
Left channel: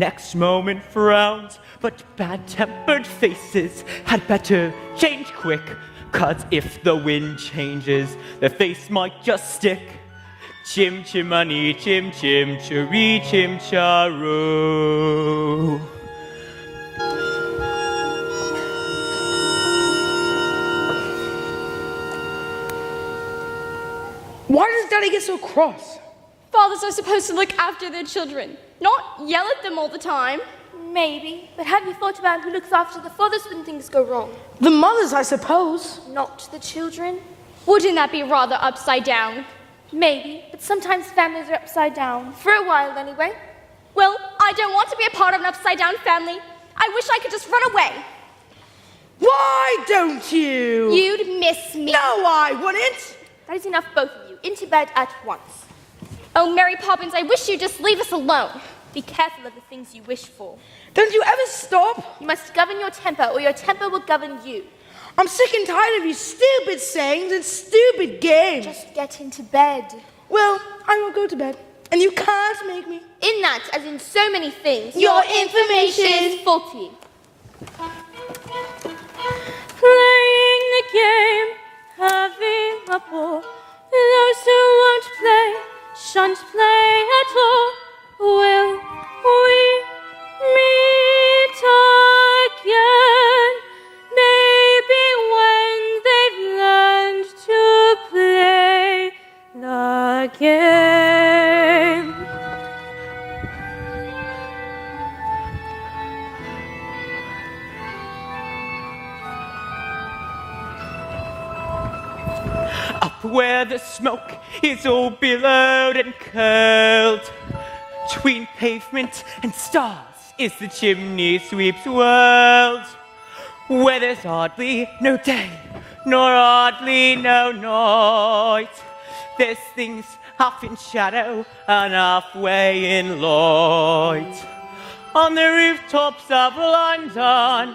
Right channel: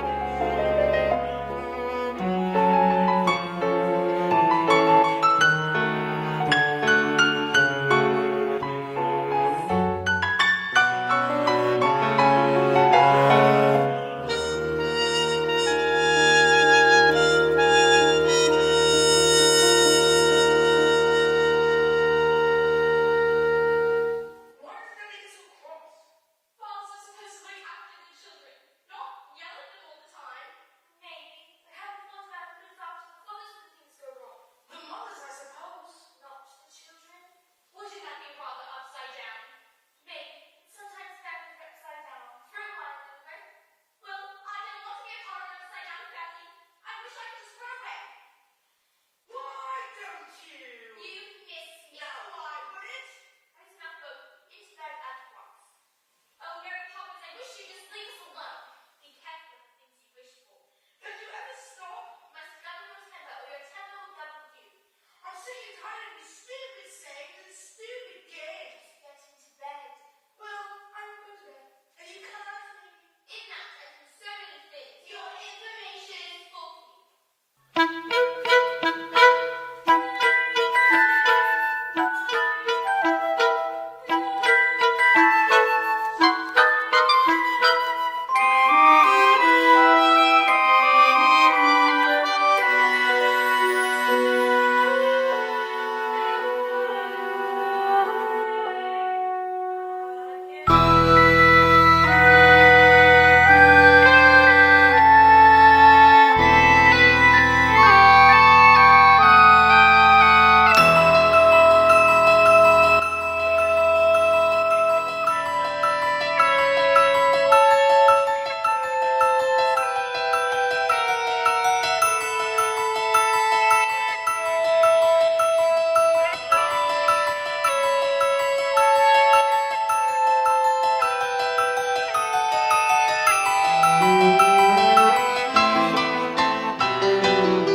next moment frowns. But bad-tempered faces had better change quick, 'cause if the wind changes, their face might just stick. Chim chimney, chim chim, chiree chim charoo. Why does Daddy get so cross? Fathers are supposed to look after their children, not yell at them all the time. Maybe, but have you thought about who looks after the fathers when things go wrong? The mothers, I suppose. Not the children? Wouldn't that be rather upside down? Maybe, but sometimes families are upside down. For a while, anyway. Well, I don't want to be a part of an upside down family. I wish I could just run away. Why don't you? You'd miss me. No, I wouldn't. That is enough, both of you. Into bed at once. Oh, Mary Poppins, I wish you'd just leave us alone. Be careful of the things you wish for. Don't you ever stop? You must govern your temper, or your temper will govern you. I'm sick and tired of your stupid sayings and stupid games. Just get into bed. Well, I will go to bed, and you can't make me. In that, as in so many things, Your information is faulty. Playing a game, having a ball. Those who won't play, shan't play at all. Will we meet again? Maybe when they've learned to play the game. Up where the smoke is all billowed and curled, between pavement and stars is the chimney sweep's world, where there's hardly no day, nor hardly no noise. There's things half in shadow and halfway in light. On the rooftops of London,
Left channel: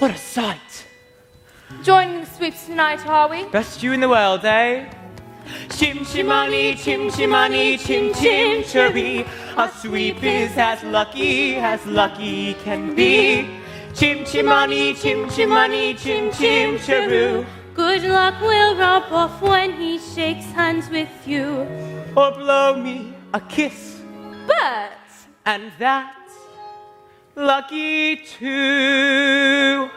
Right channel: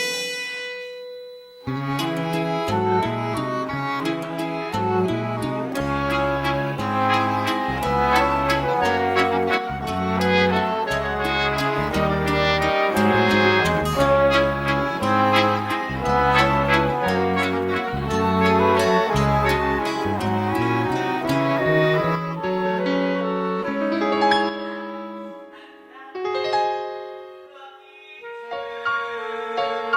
what a sight! Join the sweeps tonight, are we? Best you in the world, eh? Chim chimani, chim chimani, chim chim cherry. A sweep is as lucky can be. Chim chimani, chim chimani, chim chim cheroo. Good luck will rub off when he shakes hands with you. Or blow me a kiss, Birds! and that's lucky too.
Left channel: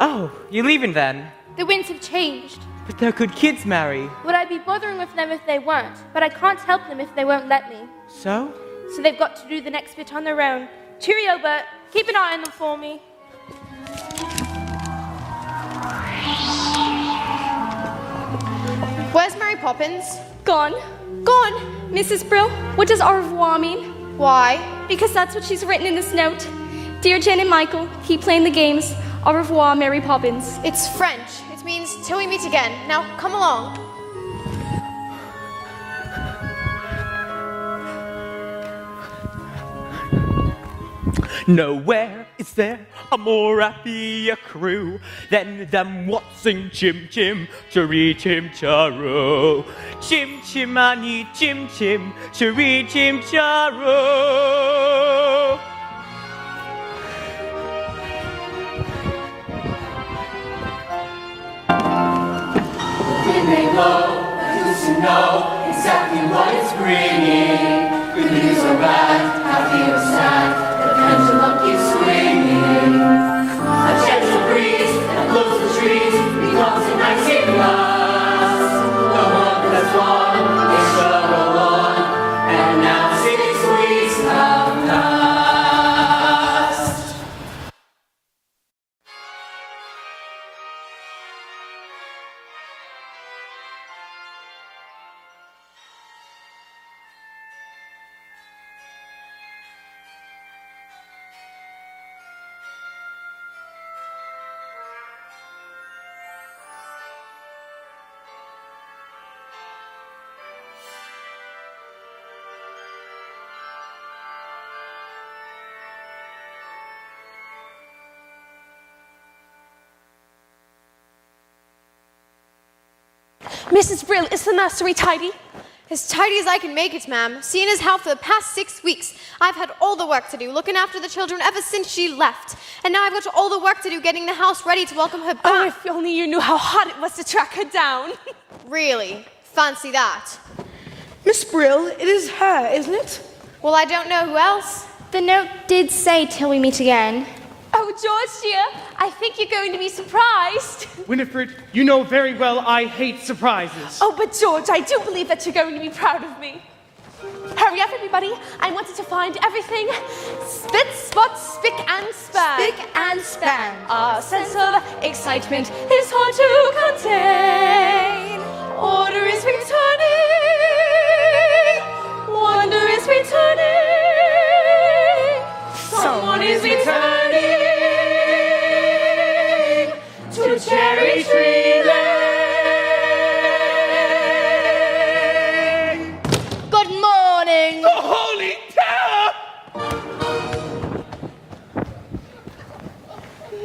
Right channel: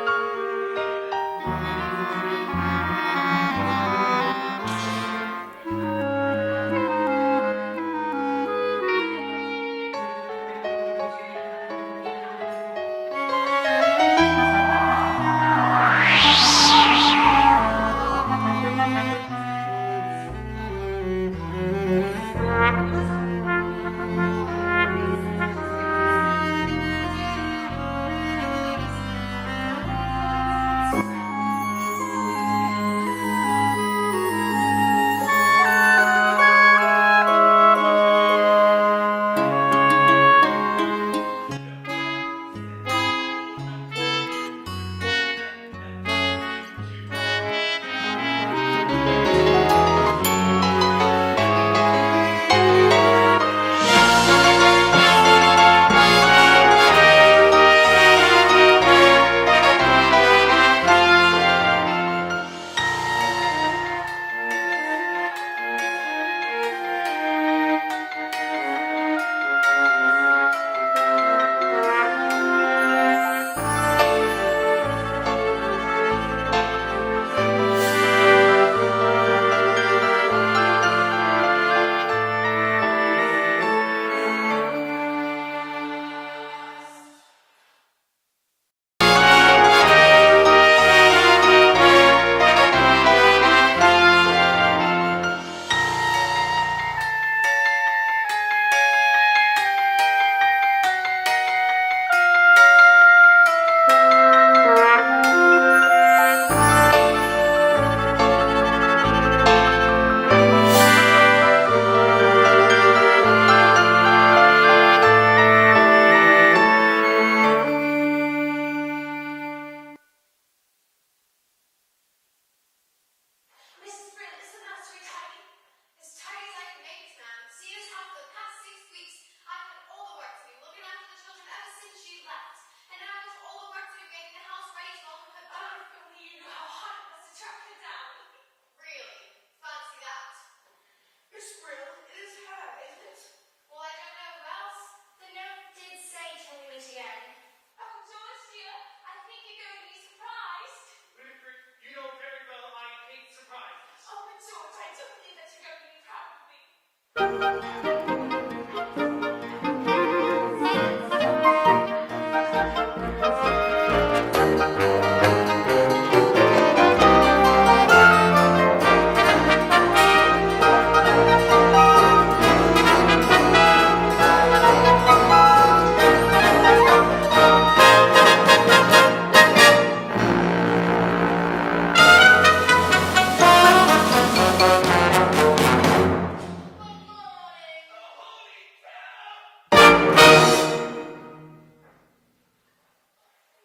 Oh, you're leaving then? The winds have changed. But they're good kids, Mary. Would I be bothering with them if they weren't? But I can't help them if they won't let me. So? So they've got to do the next bit on their own. Cheerio, Bert. Keep an eye on them for me. Where's Mary Poppins? Gone. Gone. Mrs. Brill, what does au revoir mean? Why? Because that's what she's written in this note. Dear Jen and Michael, keep playing the games. Au revoir, Mary Poppins. It's French. It means till we meet again. Now, come along. Nowhere is there a more happier crew than them what sing chim chim, chiree chim charoo. Chim chimani, chim chim, chiree chim charoo. Know exactly what it's bringing. Good news or bad, happy or sad, the pendulum keeps swinging. A gentle breeze that blows the trees becomes a nice glass. The one that's won is so along, and now 6 weeks have passed. Mrs. Brill, is the nursery tidy? As tidy as I can make it, ma'am. Seeing as how for the past 6 weeks, I've had all the work to do, looking after the children ever since she left. And now I've got all the work to do getting the house ready to welcome her back. Oh, if only you knew how hard it was to track her down. Really? Fancy that. Miss Brill, it is her, isn't it? Well, I don't know who else. The note did say till we meet again. Oh, George, dear, I think you're going to be surprised. Winifred, you know very well I hate surprises. Oh, but George, I do believe that you're going to be proud of me. Hurry up, everybody. I wanted to find everything. Spit, spot, spick, and span. Spick and span. Our sense of excitement is hard to contain. Order is returning. Wonder is returning. Someone is returning to Cherry Tree Lane. Good morning. The Holy Terror!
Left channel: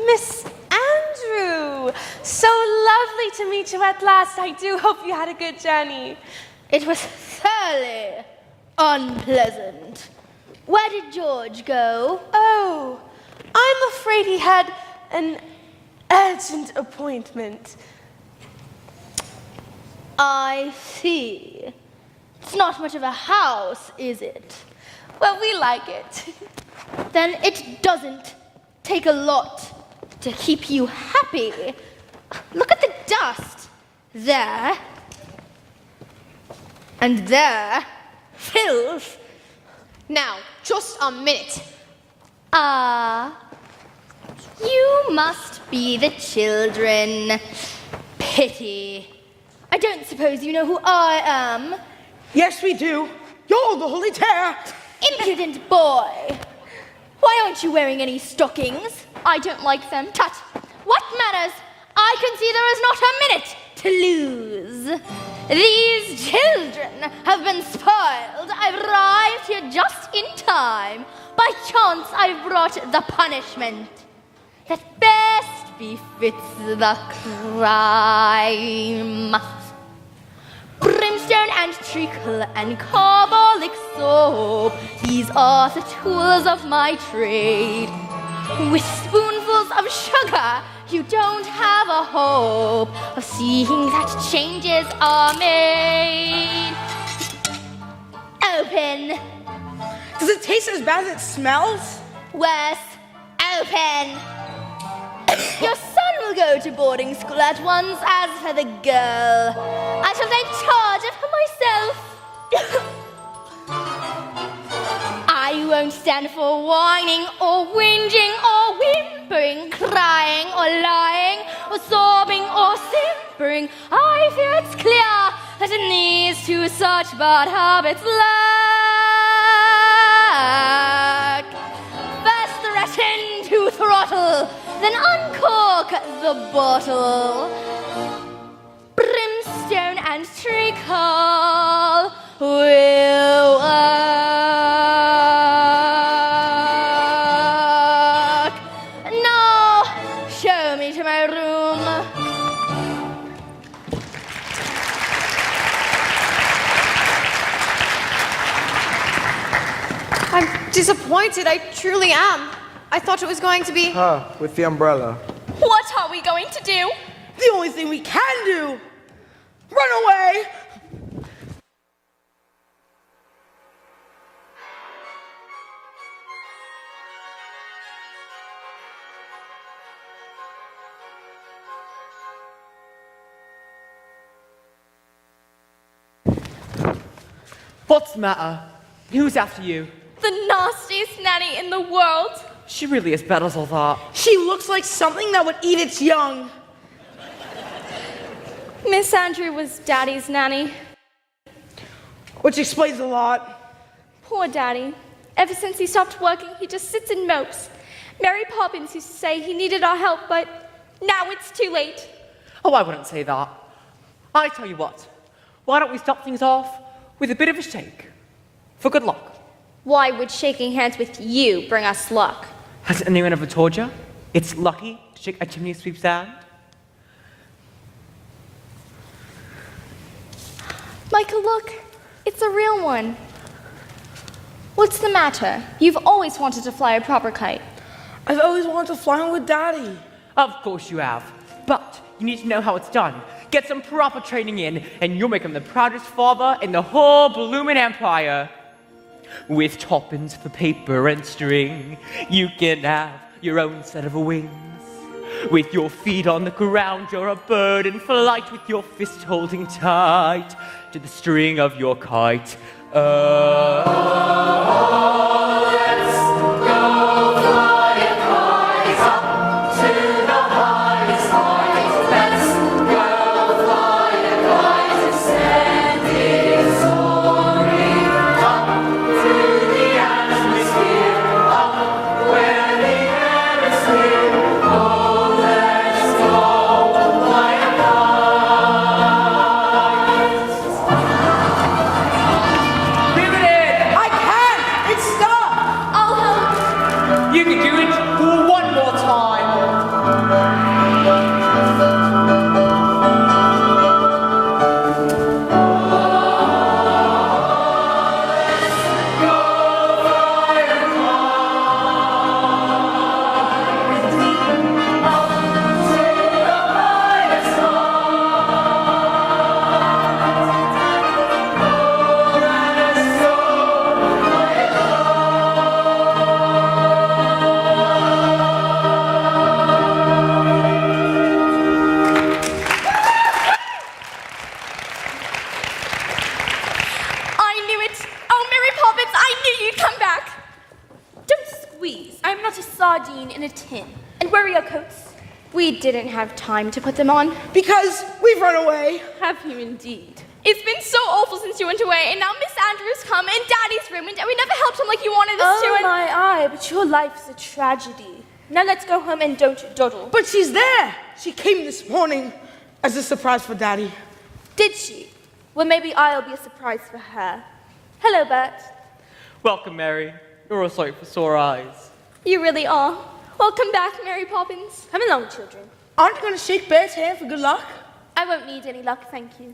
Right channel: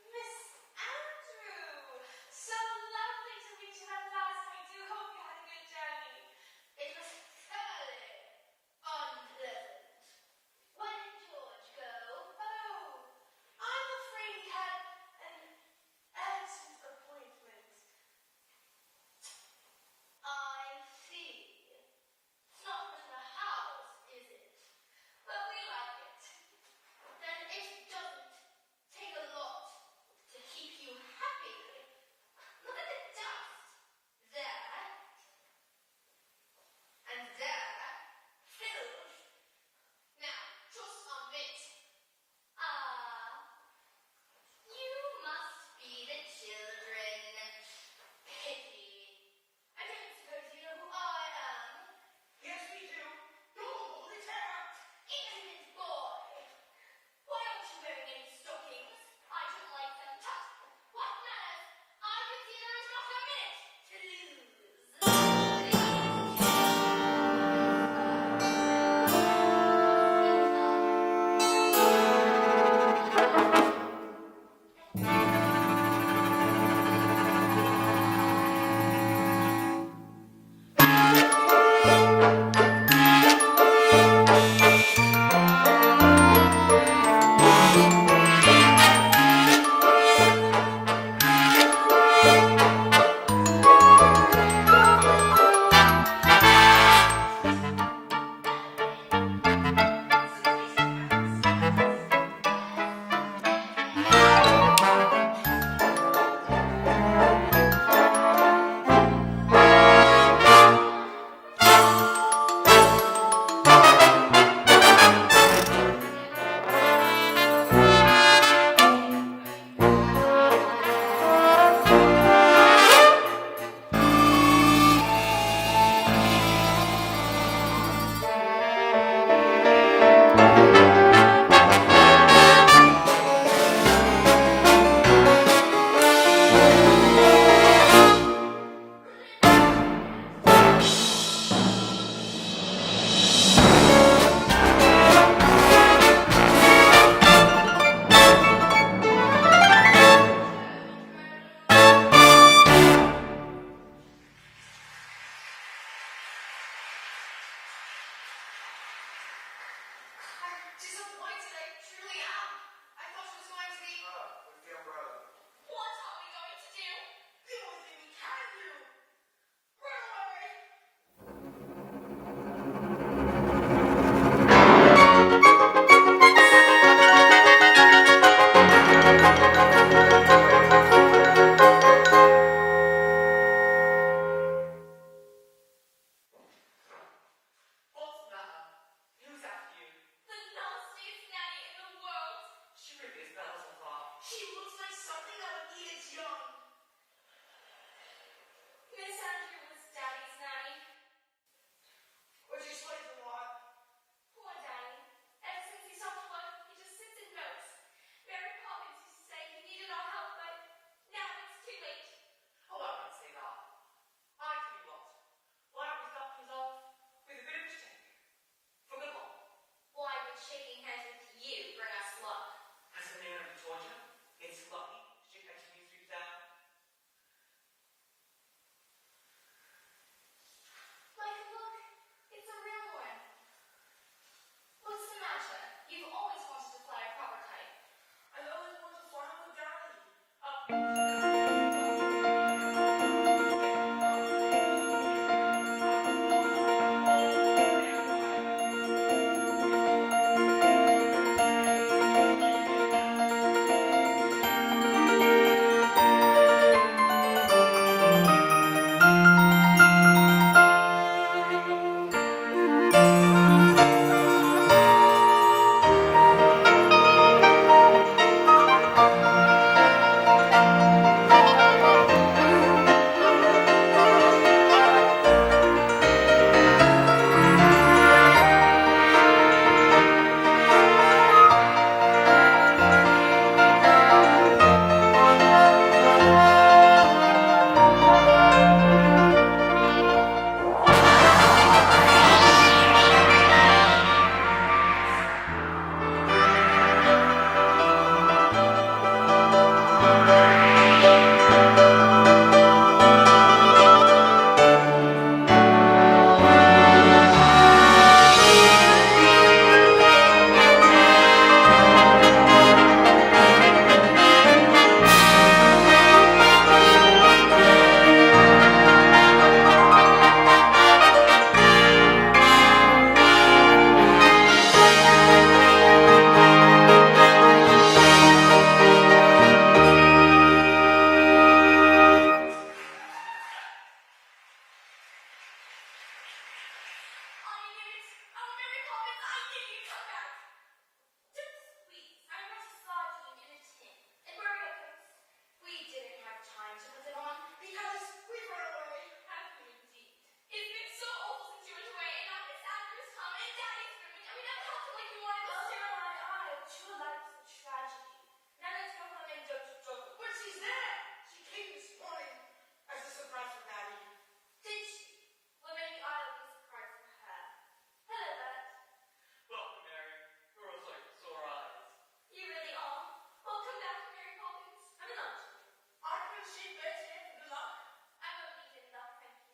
Miss Andrew, so lovely to meet you at last. I do hope you had a good journey. It was thoroughly unpleasant. Where did George go? Oh, I'm afraid he had an urgent appointment. I see. It's not much of a house, is it? Well, we like it. Then it doesn't take a lot to keep you happy. Look at the dust. There. And there. Filth. Now, just a minute. You must be the children. Pity. I don't suppose you know who I am. Yes, we do. You're the Holy Terror. Impudent boy. Why aren't you wearing any stockings? I don't like them. Tut. What matters? I can see there is not a minute to lose. These children have been spoiled. I've arrived here just in time. By chance, I've brought the punishment that best befits the crime. Brimstone and treacle and carbolic soap, these are the tools of my trade. With spoonfuls of sugar, you don't have a hope of seeing that changes are made. Open. Does it taste as bad as it smells? Wes, open. Your son will go to boarding school at once as for the girl. I shall take charge of her myself. I won't stand for whining or whinging or whimpering, crying or lying, or sobbing or whimpering. I hear it's clear that it needs to such bad habits lack. Latin to throttle, then uncork the bottle. Brimstone and treacle will work. Now, show me to my room. I'm disappointed. I truly am. I thought it was going to be. With the umbrella. What are we going to do? The only thing we can do. Run away. What's the matter? Who's after you? The nastiest nanny in the world. She really is bad as all that. She looks like something that would eat its young. Miss Andrew was Daddy's nanny. Which explains a lot. Poor Daddy. Ever since he stopped working, he just sits and mopes. Mary Poppins used to say he needed our help, but now it's too late. Oh, I wouldn't say that. I tell you what, why don't we start things off with a bit of a shake? For good luck. Why would shaking hands with you bring us luck? Has anyone ever told you it's lucky to shake a chimney sweep's hand? Michael, look. It's a real one. What's the matter? You've always wanted to fly a proper kite. I've always wanted to fly one with Daddy. Of course you have. But you need to know how it's done. Get some proper training in, and you'll make him the proudest father in the whole bloomin' empire. With toppins for paper and string, you can have your own set of wings. With your feet on the ground, you're a bird in flight, with your fist holding tight to the string of your kite. You can do it one more time. I knew it. Oh, Mary Poppins, I knew you'd come back. Don't squeeze. I'm not a sardine in a tin. And where are your coats? We didn't have time to put them on. Because we've run away. Have you indeed? It's been so awful since you went away, and now Miss Andrews come and Daddy's ruined, and we never helped him like you wanted us to. Oh And my eye, but your life's a tragedy. Now let's go home and don't dawdle. But she's there. She came this morning as a surprise for Daddy. Did she? Well, maybe I'll be a surprise for her. Hello, Bert. Welcome, Mary. You're a sight for sore eyes. you really are. Welcome back, Mary Poppins. Come along, children. Aren't you going to shake Bert's hand for good luck? I won't need any luck, thank you.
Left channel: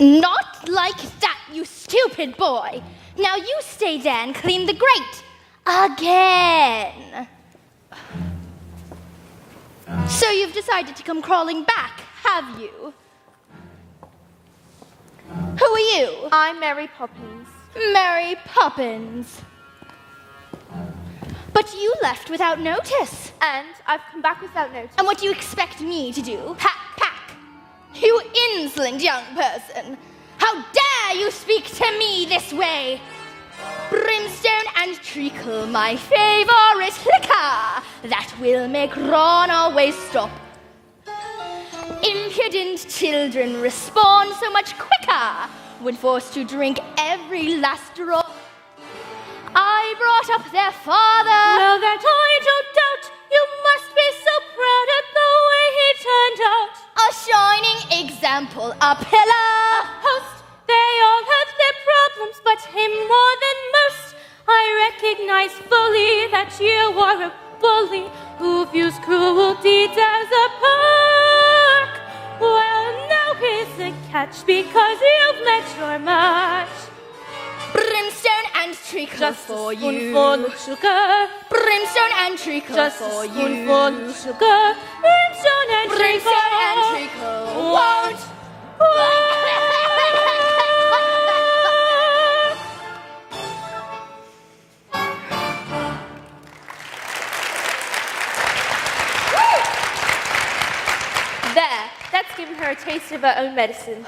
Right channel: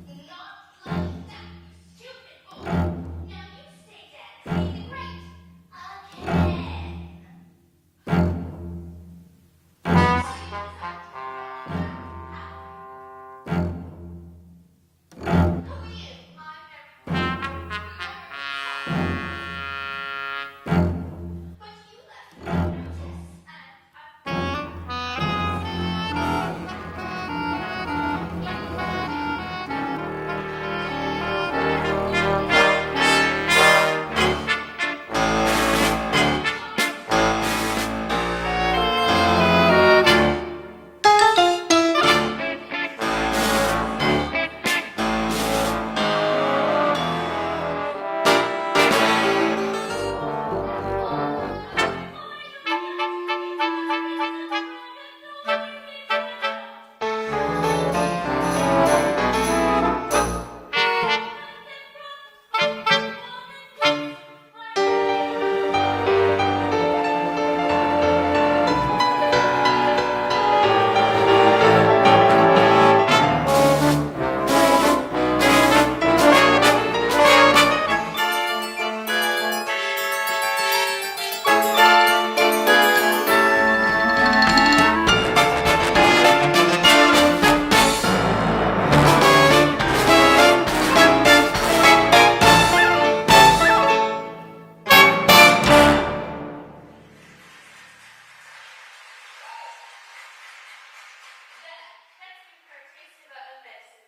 Not like that, you stupid boy. Now you stay there and clean the grate. Again. So you've decided to come crawling back, have you? Who are you? I'm Mary Poppins. Mary Poppins. But you left without notice. And I've come back without notice. And what do you expect me to do? Ha, ha. You insolent young person! How dare you speak to me this way? Brimstone and creek, my favorite liquor, that will make runaway stop. Impudent children respond so much quicker when forced to drink every last drop. I brought up their father. Well, that I don't doubt you must be so proud of the way he turned out. A shining example, a pillar post. They all have their problems, but him more than most. I recognize fully that you are a bully who views cruelty as a perk. Well, now he's attached because you fed your lunch. Brimstone and streak the Spoonful of sugar. Brimstone and streak the Spoonful of sugar. Brimstone and sugar. There, that's given her a taste of her own medicine.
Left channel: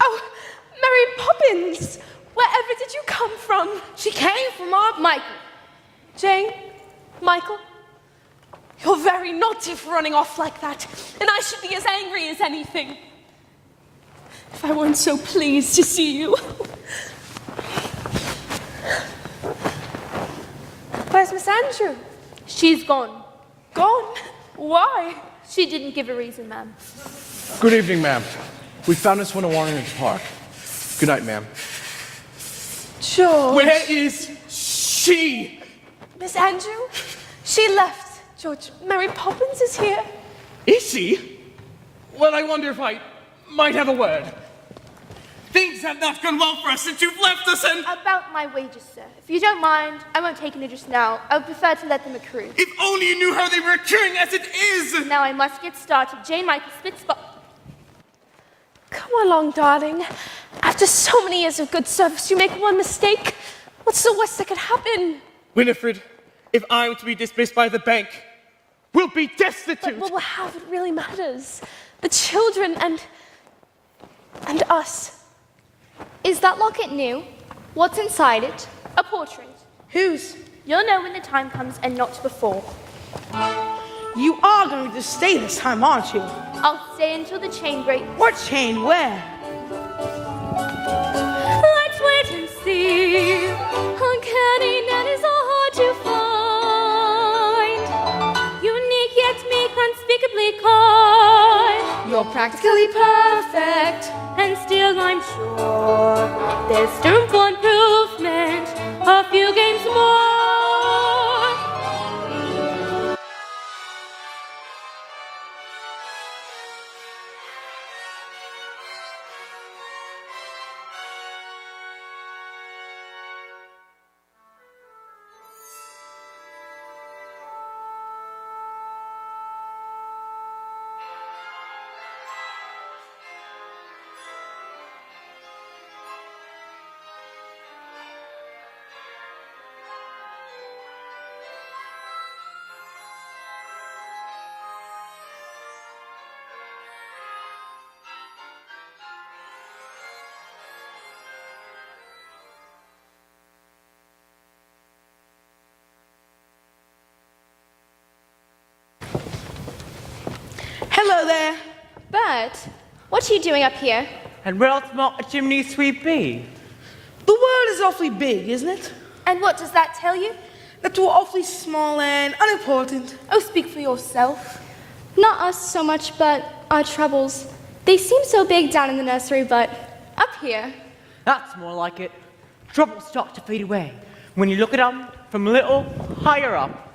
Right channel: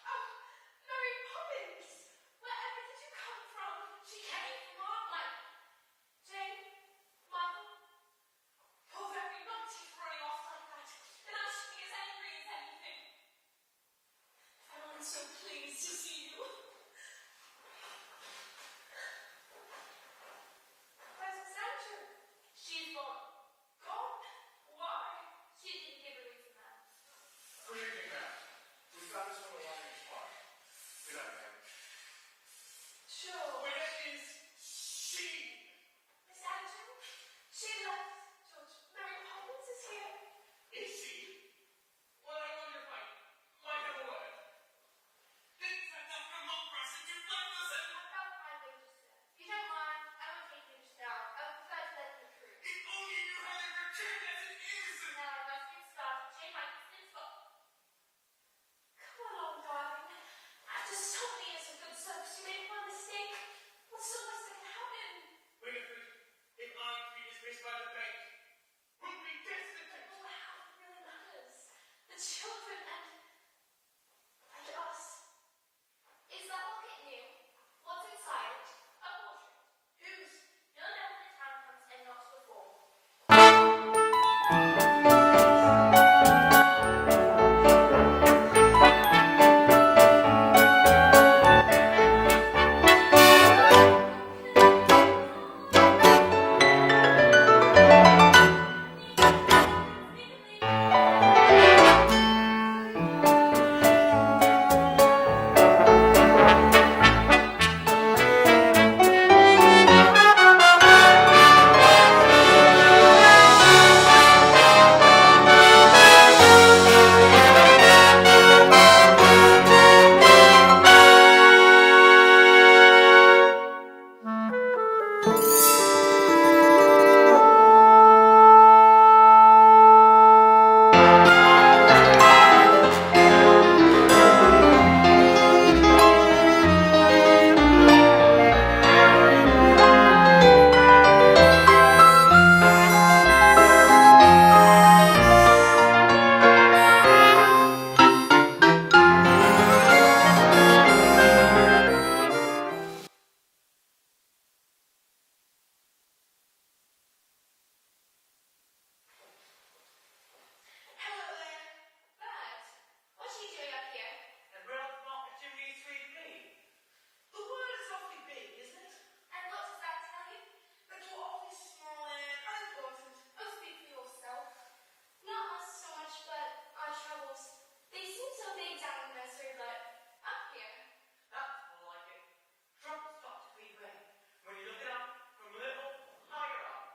Oh, Mary Poppins! Wherever did you come from? She came from our... Michael. Jane? Michael? You're very naughty for running off like that, and I should be as angry as anything. If I weren't so pleased to see you. Where's Miss Andrew? She's gone. Gone? Why? She didn't give a reason, ma'am. Good evening, ma'am. We found this one in Warrington Park. Good night, ma'am. George. Where is she? Miss Andrew? She left George, Mary Poppins is here. Is she? Well, I wonder if I might have a word. Things have not gone well for us since you've left us, and... About my wages, sir. If you don't mind, I won't take any just now. I would prefer to let them accrue. If only you knew how they were accruing as it is! Now I must get started. Jane Michael Spitzbot. Come along, darling. After so many years of good service, you make one mistake. What's the worst that could happen? Winifred, if I'm to be dismissed by the bank, we'll be destitute! But what we'll have, it really matters. The children and us. Is that locket new? What's inside it? A portrait. Whose? You'll know when the time comes and not before. You are going to stay this time, aren't you? I'll stay until the chain breaks. What chain? Where? Let's wait and see. Uncanny nannies are hard to find. Unique yet make unspeakably kind. You're practically perfect and still unsure. There's room for improvement. A few games more. Hello there. Bert, what are you doing up here? And where else might a chimney sweep be? The world is awfully big, isn't it? And what does that tell you? That we're awfully small and unimportant. Oh, speak for yourself. Not us so much, but our troubles. They seem so big down in the nursery, but up here. That's more like it. Troubles start to fade away when you look at them from a little higher up.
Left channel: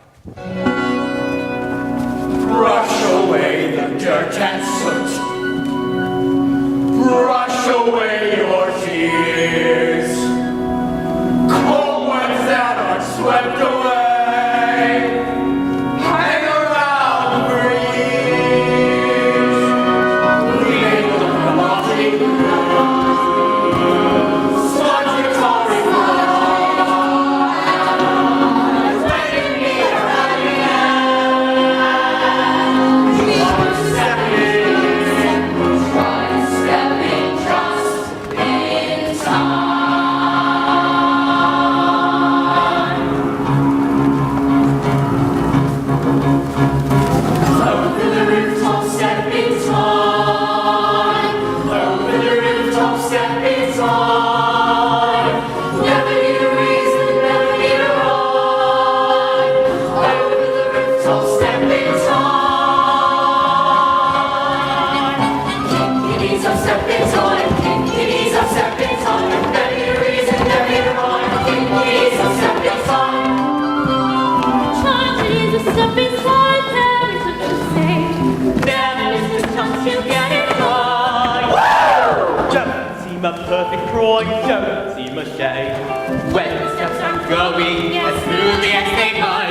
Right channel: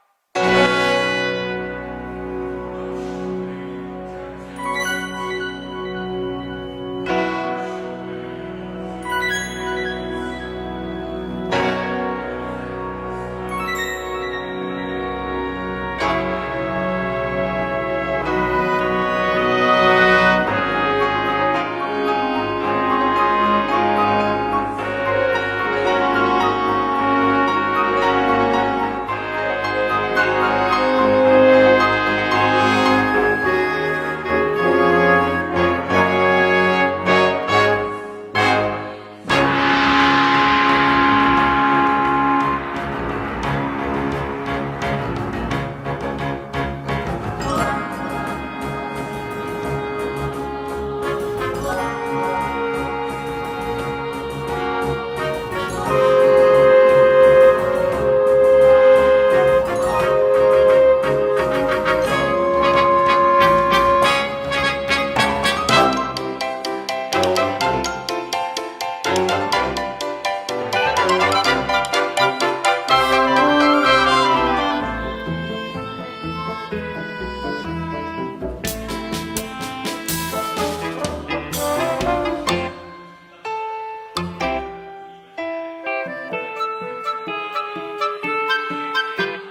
Brush away the dirt and soot. Brush away your tears. Cold ones that are swept away. Hang around for years. Real rotting blues. Smart guitar in perfect Croy, don't seem a shame. When the steps are going as smoothly as they might.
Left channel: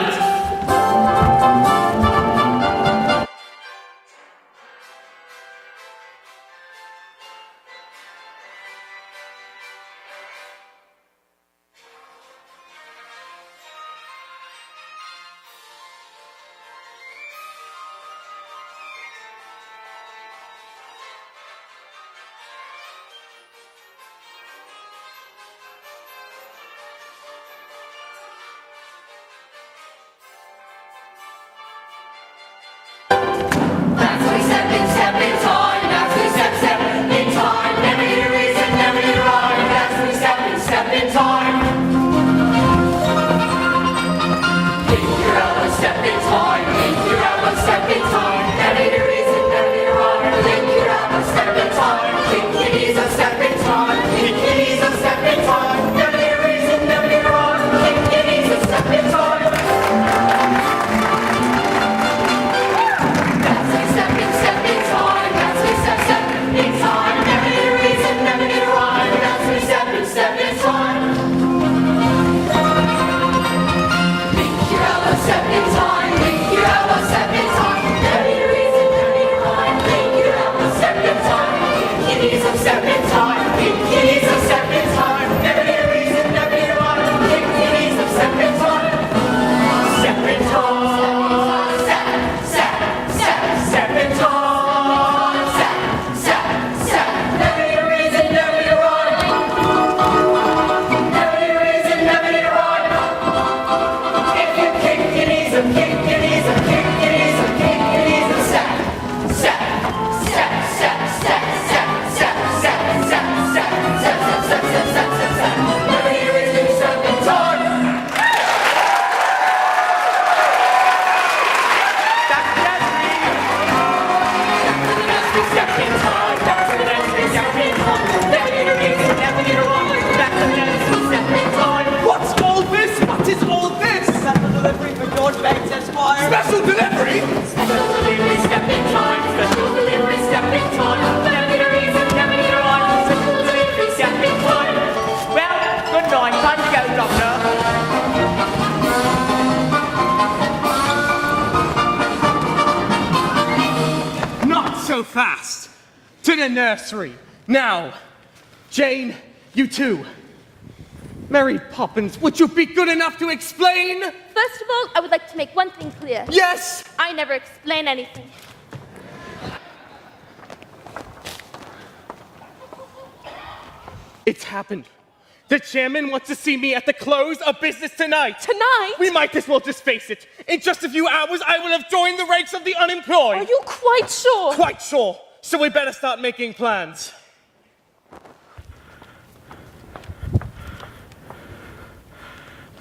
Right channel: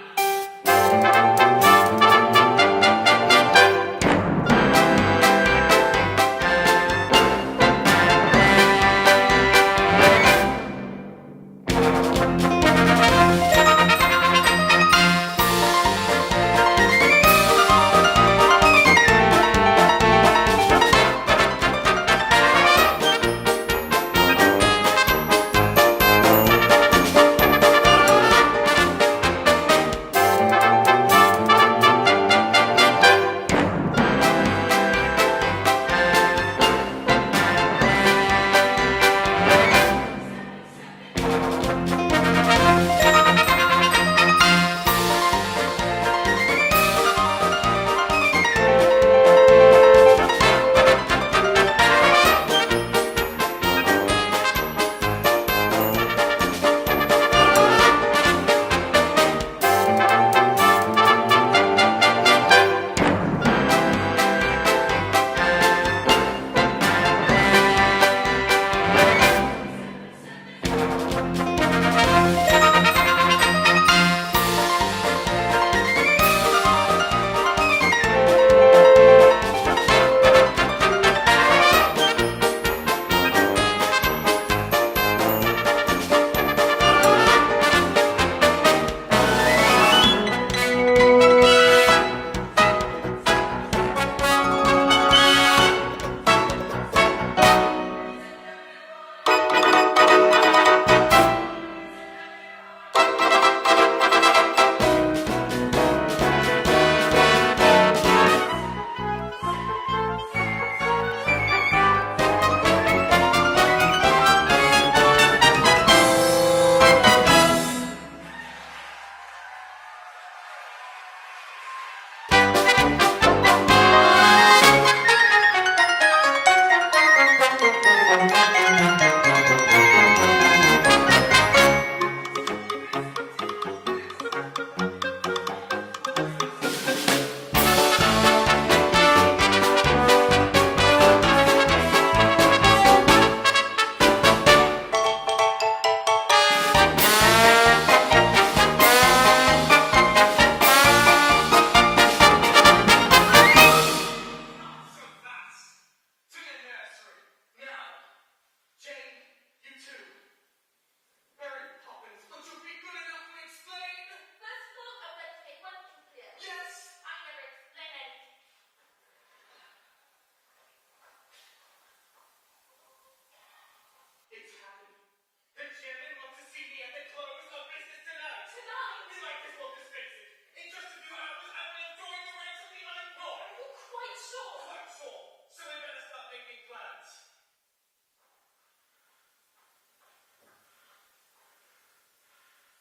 so fast? To the nursery. Now, Jane, you too. Mary Poppins, would you be good enough to explain? First of all, I would like to make one thing clear. Yes! I never explain anything. It's happened. The chairman wants to see me at the close of business tonight. Tonight? We might as well just face it. In just a few hours, I will have joined the ranks of the unemployed. Are you quite sure? Quite sure. So we better start making plans.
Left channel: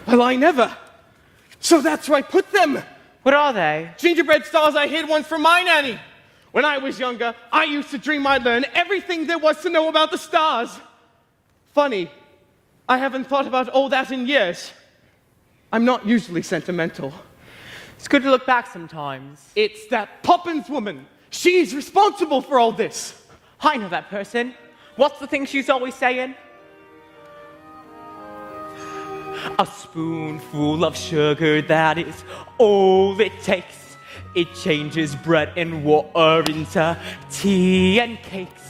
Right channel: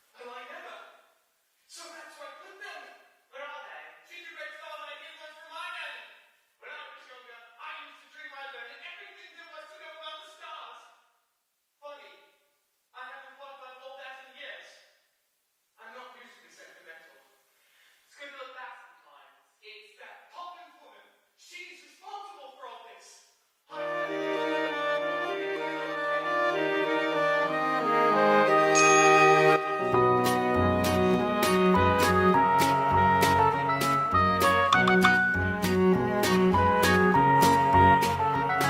Well, I never. So that's where I put them. What are they? Gingerbread stars I hid once from my nanny. When I was younger, I used to dream I'd learn everything there was to know about the stars. Funny, I haven't thought about all that in years. I'm not usually sentimental. It's good to look back sometimes. It's that Poppins woman. She's responsible for all this. I know that person. What's the thing she's always saying? A spoonful of sugar, that is all it takes. It changes bread and water into tea and cakes.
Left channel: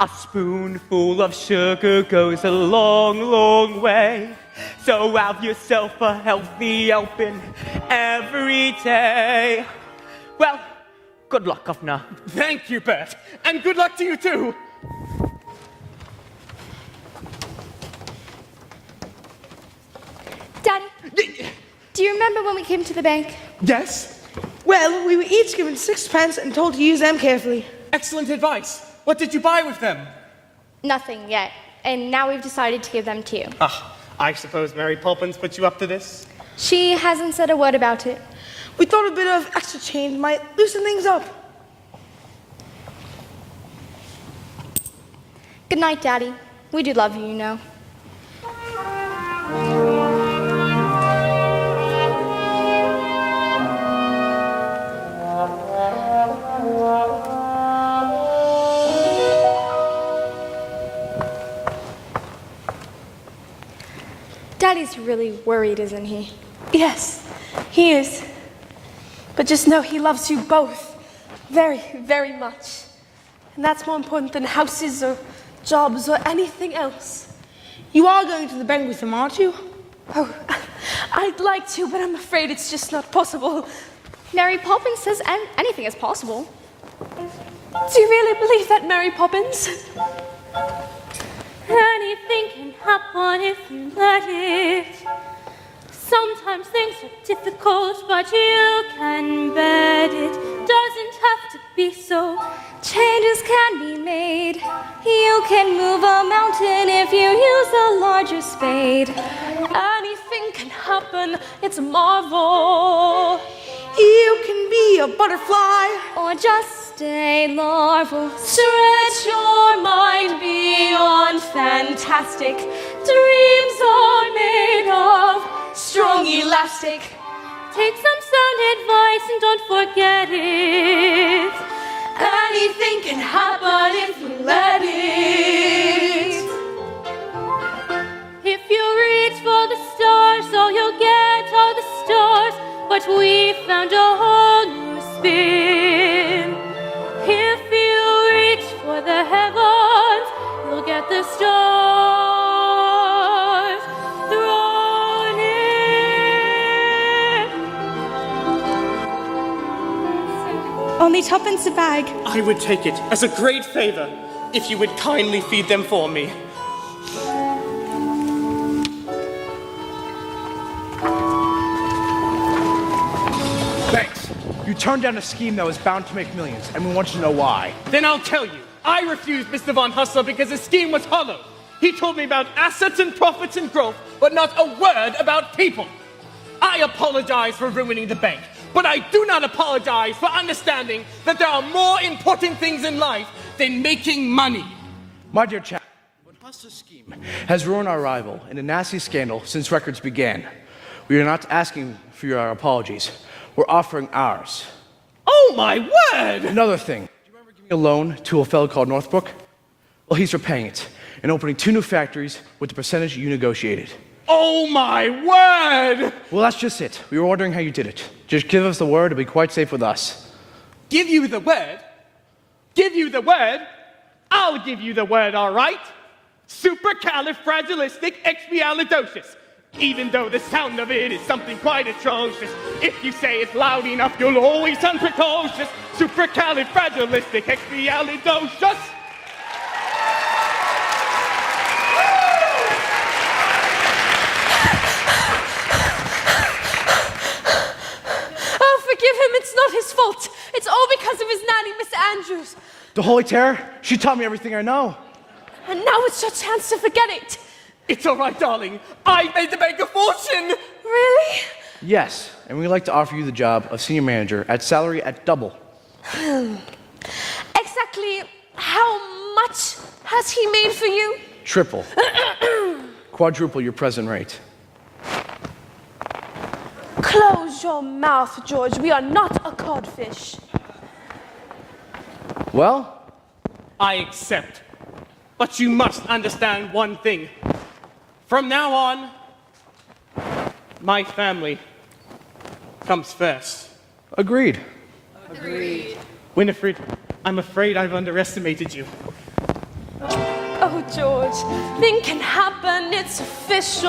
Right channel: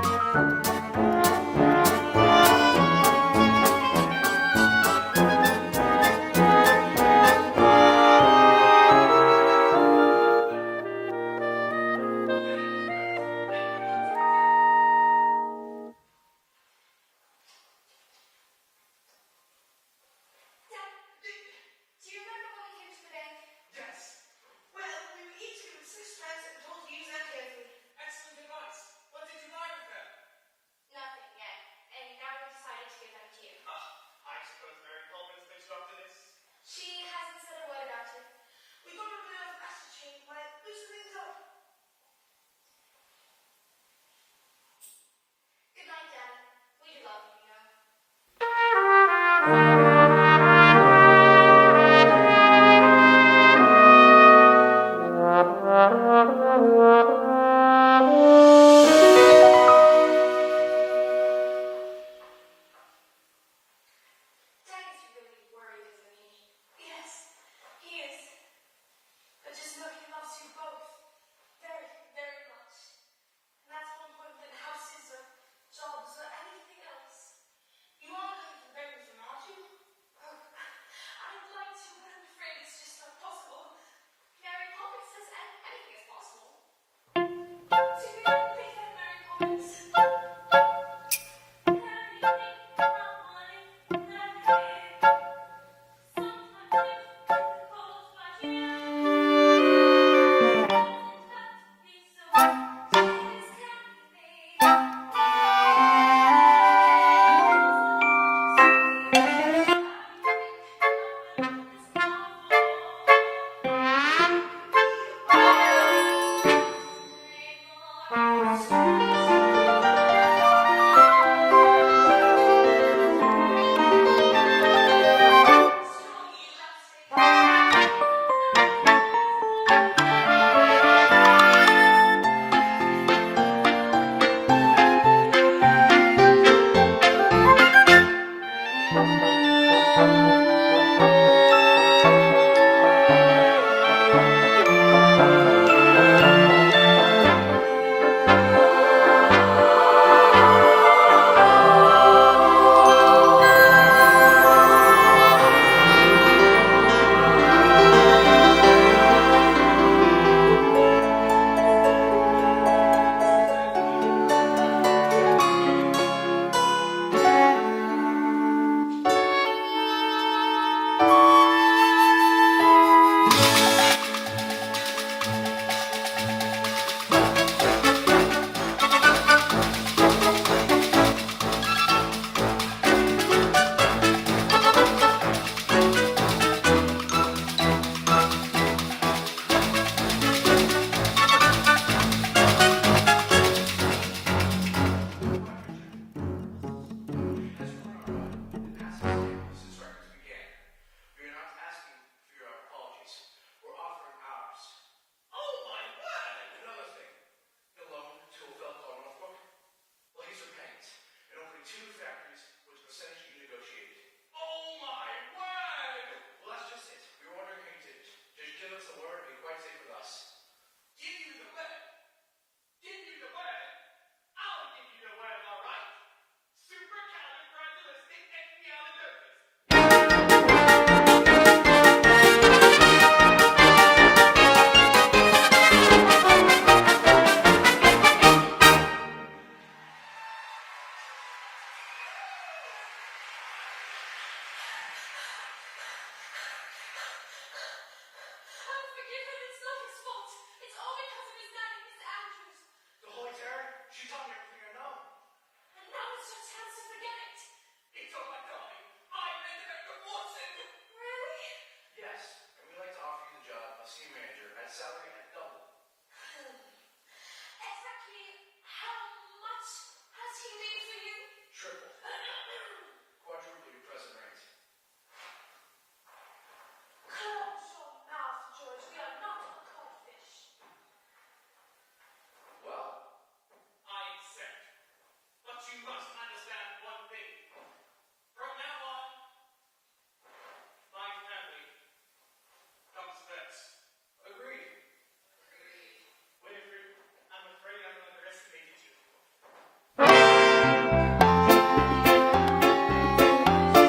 A spoonful of sugar goes a long, long way. So have yourself a healthy helping every day. Well, good luck, Governor. Thank you, Bert. And good luck to you, too. Daddy, do you remember when we came to the bank? Yes? Well, we were each given 6 pence and told to use them carefully. Excellent advice. What did you buy with them? Nothing yet. And now we've decided to give them to you. Ah, I suppose Mary Poppins put you up to this? She hasn't said a word about it. We thought a bit of extra change might loosen things up. Good night, Daddy. We do love you, you know. Daddy's really worried, isn't he? Yes, he is. But just know he loves you both very, very much. And that's more important than houses or jobs or anything else. You are going to the bank with him, aren't you? Oh, I'd like to, but I'm afraid it's just not possible. Mary Poppins says anything is possible. Do you really believe that, Mary Poppins? Anything can happen if you let it. Sometimes things are difficult, but you can bet it. Doesn't have to be so. Changes can be made. You can move a mountain if you use a larger spade. Anything can happen, it's a marvel. You can be a butterfly. Or just a larva. Stretch your mind beyond fantastic. Dreams are made of strong elastic. Take some sound advice and don't forget it. Anything can happen if you let it. If you reach for the stars, so you'll get all the stars. But we found a whole new spin. If you reach for the heavens, you'll get the stars. Only tuppence a bag. I would take it as a great favor if you would kindly feed them for me. Thanks. You turned down a scheme that was bound to make millions, and we want you to know why. Then I'll tell you. I refused the Savant Hustler because the scheme was hollow. He told me about assets and profits and growth, but not a word about people. I apologize for ruining the bank, but I do not apologize for understanding that there are more important things in life than making money. My dear chap, the Hustler scheme has ruined our rival in a nasty scandal since records began. We are not asking for your apologies. We're offering ours. Oh, my word! Another thing. Do you remember giving a loan to a fellow called Northbrook? Well, he's repaying it and opening 2 new factories with the percentage you negotiated. Oh, my word! Well, that's just it. We were wondering how you did it. Just give us the word to be quite safe with us. Give you the word? Give you the word? I'll give you the word, all right? Supercalifragilistic expialidocious. Even though the sound of it is something quite atrocious, if you say it loud enough, you'll always unprecocious. Supercalifragilistic expialidocious. Oh, forgive him. It's not his fault. It's all because of his nanny, Miss Andrews. The Holy Terror, she taught me everything I know. And now it's your chance to forget it. It's all right, darling. I made the bank a fortune. Really? Yes, and we'd like to offer you the job of senior manager at salary at double. Exactly how much has he made for you? Triple. Quadruple your present rate. Close your mouth, George. We are not a codfish. Well, I accept. But you must understand one thing. From now on, my family comes first. agreed. Winifred, I'm afraid I've underestimated you. Oh, George, nothing can happen, it's official.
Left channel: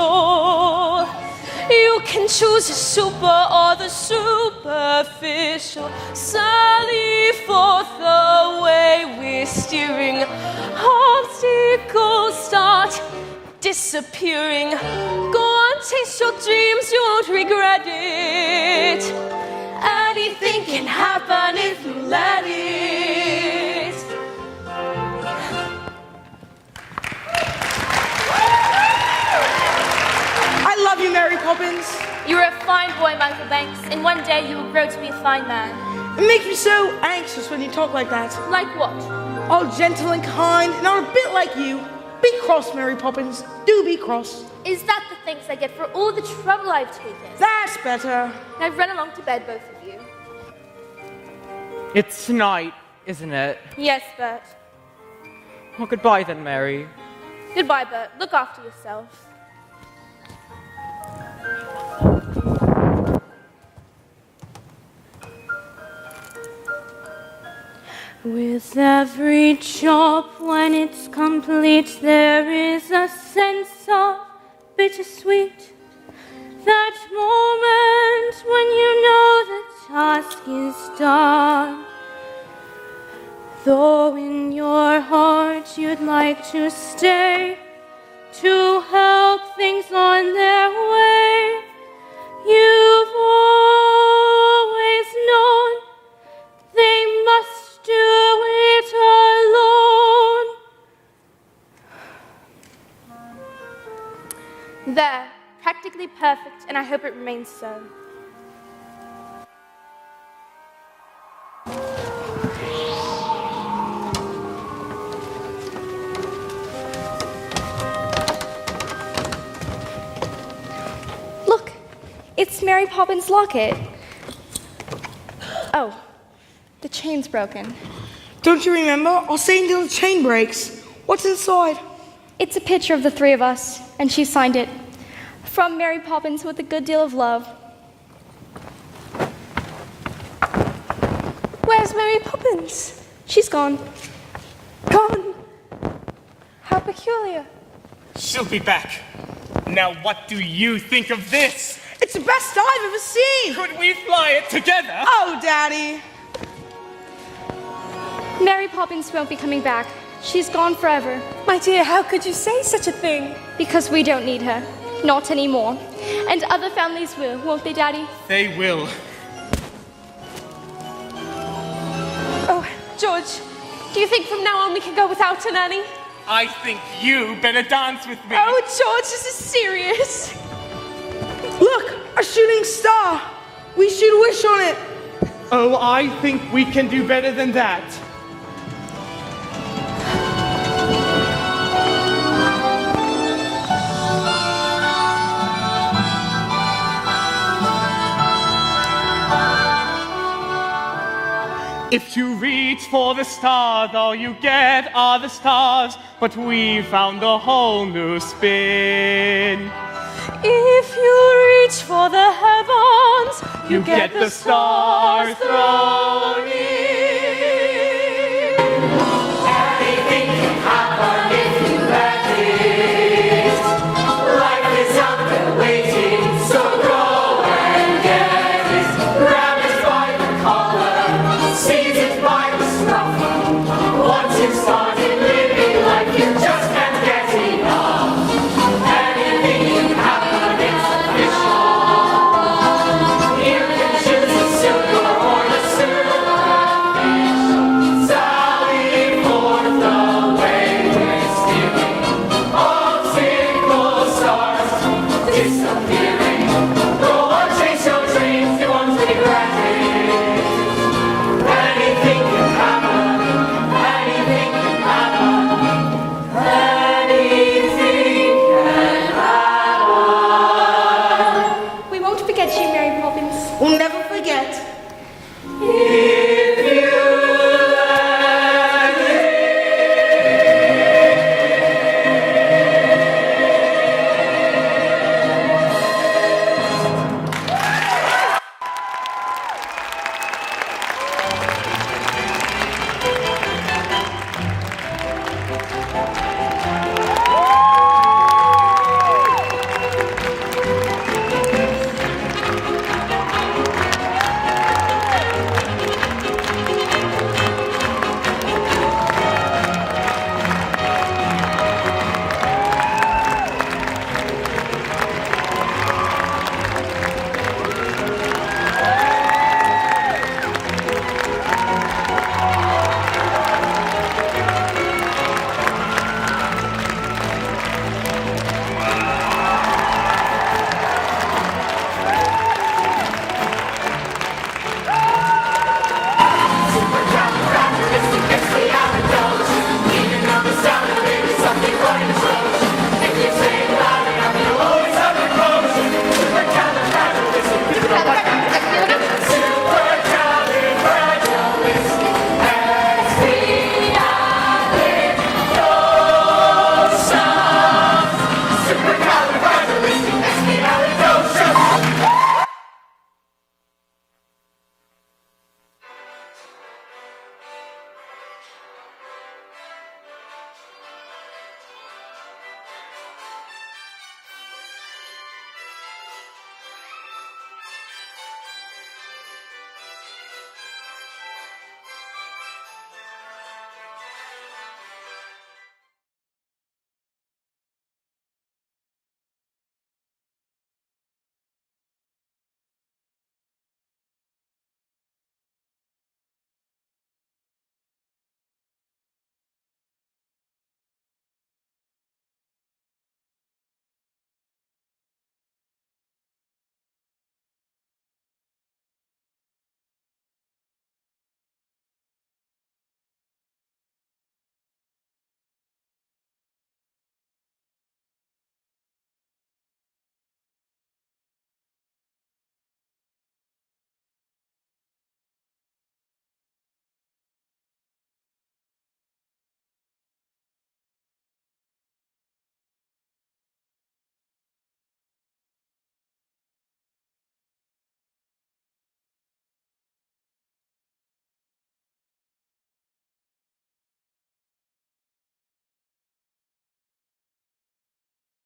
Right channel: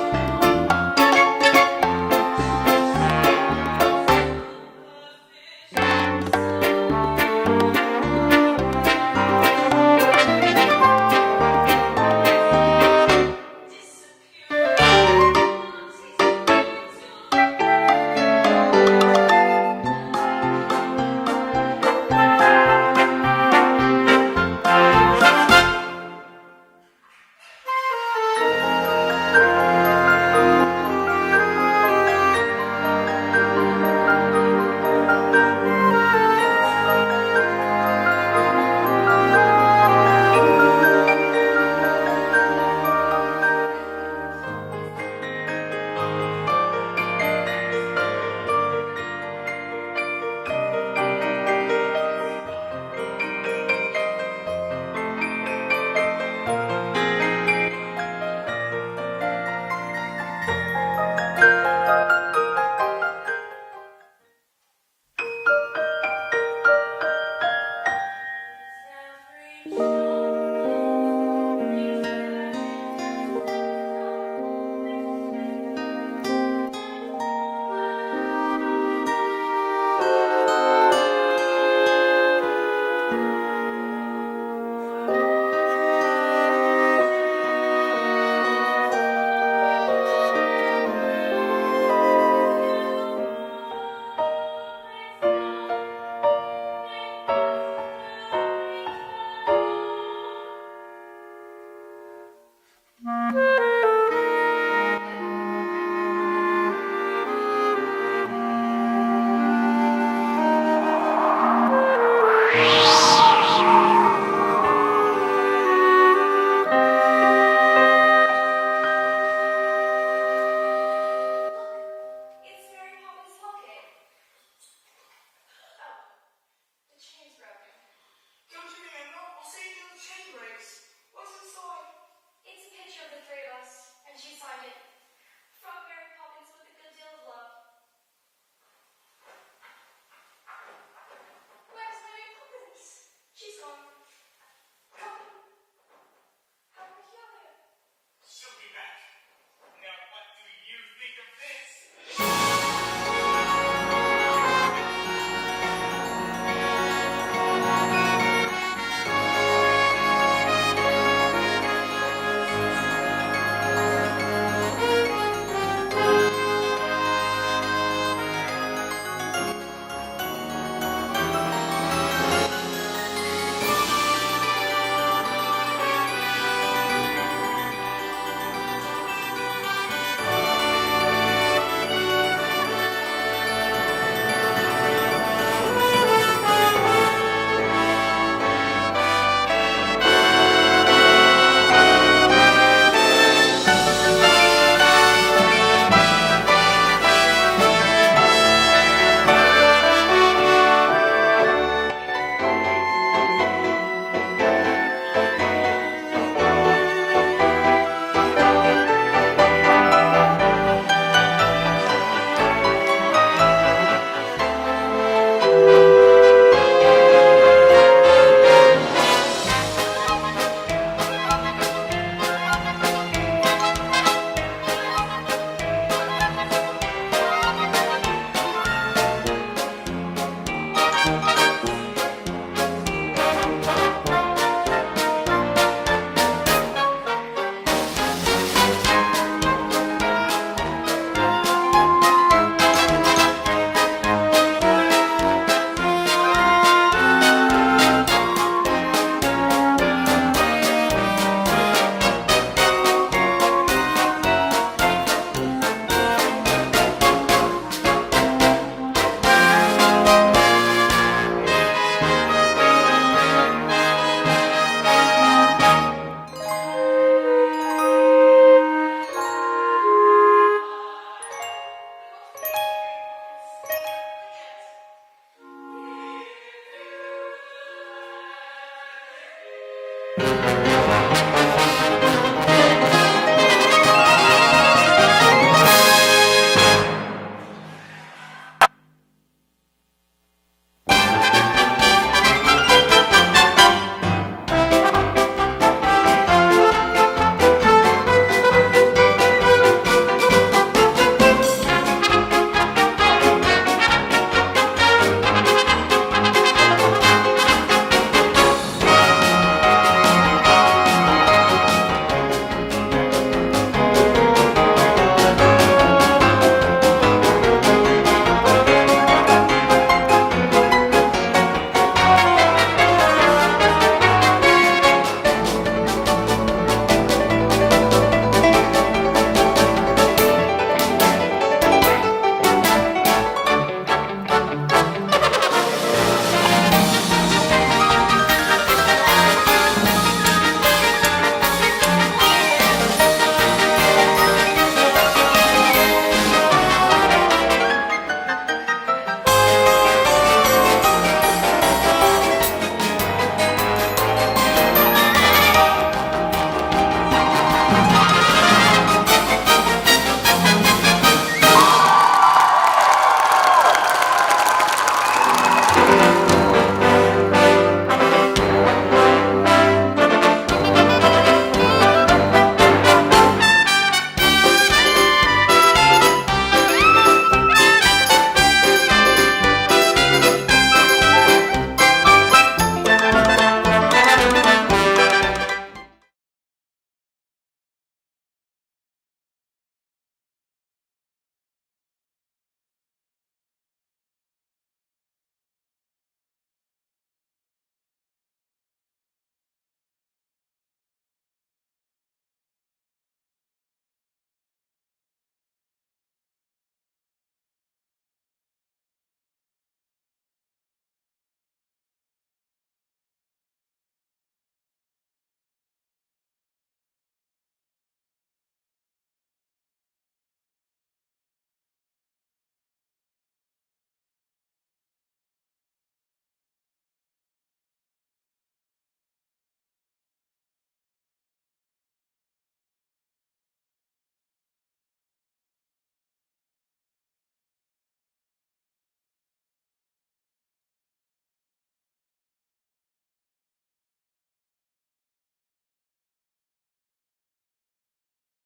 You can choose the super or the superficial. Sally forth the way we steer it. Obstacles start disappearing. Go on, chase your dreams, you won't regret it. Anything can happen if you let it. I love you, Mary Poppins. You're a fine boy, Michael Banks. In one day you will grow to be a fine man. You make me so anxious when you talk like that. Like what? Oh, gentle and kind, and I'm a bit like you. Be cross, Mary Poppins. Do be cross. Is that the thanks I get for all the trouble I've taken? That's better. I've run along to bed, both of you. It's tonight, isn't it? Yes, Bert. Well, goodbye then, Mary. Goodbye, Bert. Look after yourself. With every job, when it's complete, there is a sense of bittersweet. That moment when you know the task is done. Though in your heart you'd like to stay, to help things on their way. You've always known they must do it alone. There, practically perfect, and I hope it remains so. Look, it's Mary Poppins' locket. Oh, the chain's broken. Don't you remember? I'll say until the chain breaks. What's inside? It's a picture of the three of us, and she signed it. From Mary Poppins with a good deal of love. Where's Mary Poppins? She's gone. Gone. How peculiar. She'll be back. Now what do you think of this? It's the best I've ever seen. Could we fly it together? Oh, Daddy. Mary Poppins won't be coming back. She's gone forever. My dear, how could you say such a thing? Because we don't need her. Not anymore. And other families will, won't they, Daddy? They will. Oh, George, do you think from now on we can go without a nanny? I think you better dance with me. Oh, George, this is serious. Look, a shooting star. We should wish on it. Oh, I think we can do better than that. If you reach for the stars, all you get are the stars. But we found a whole new spin. If you reach for the heavens, You get the stars from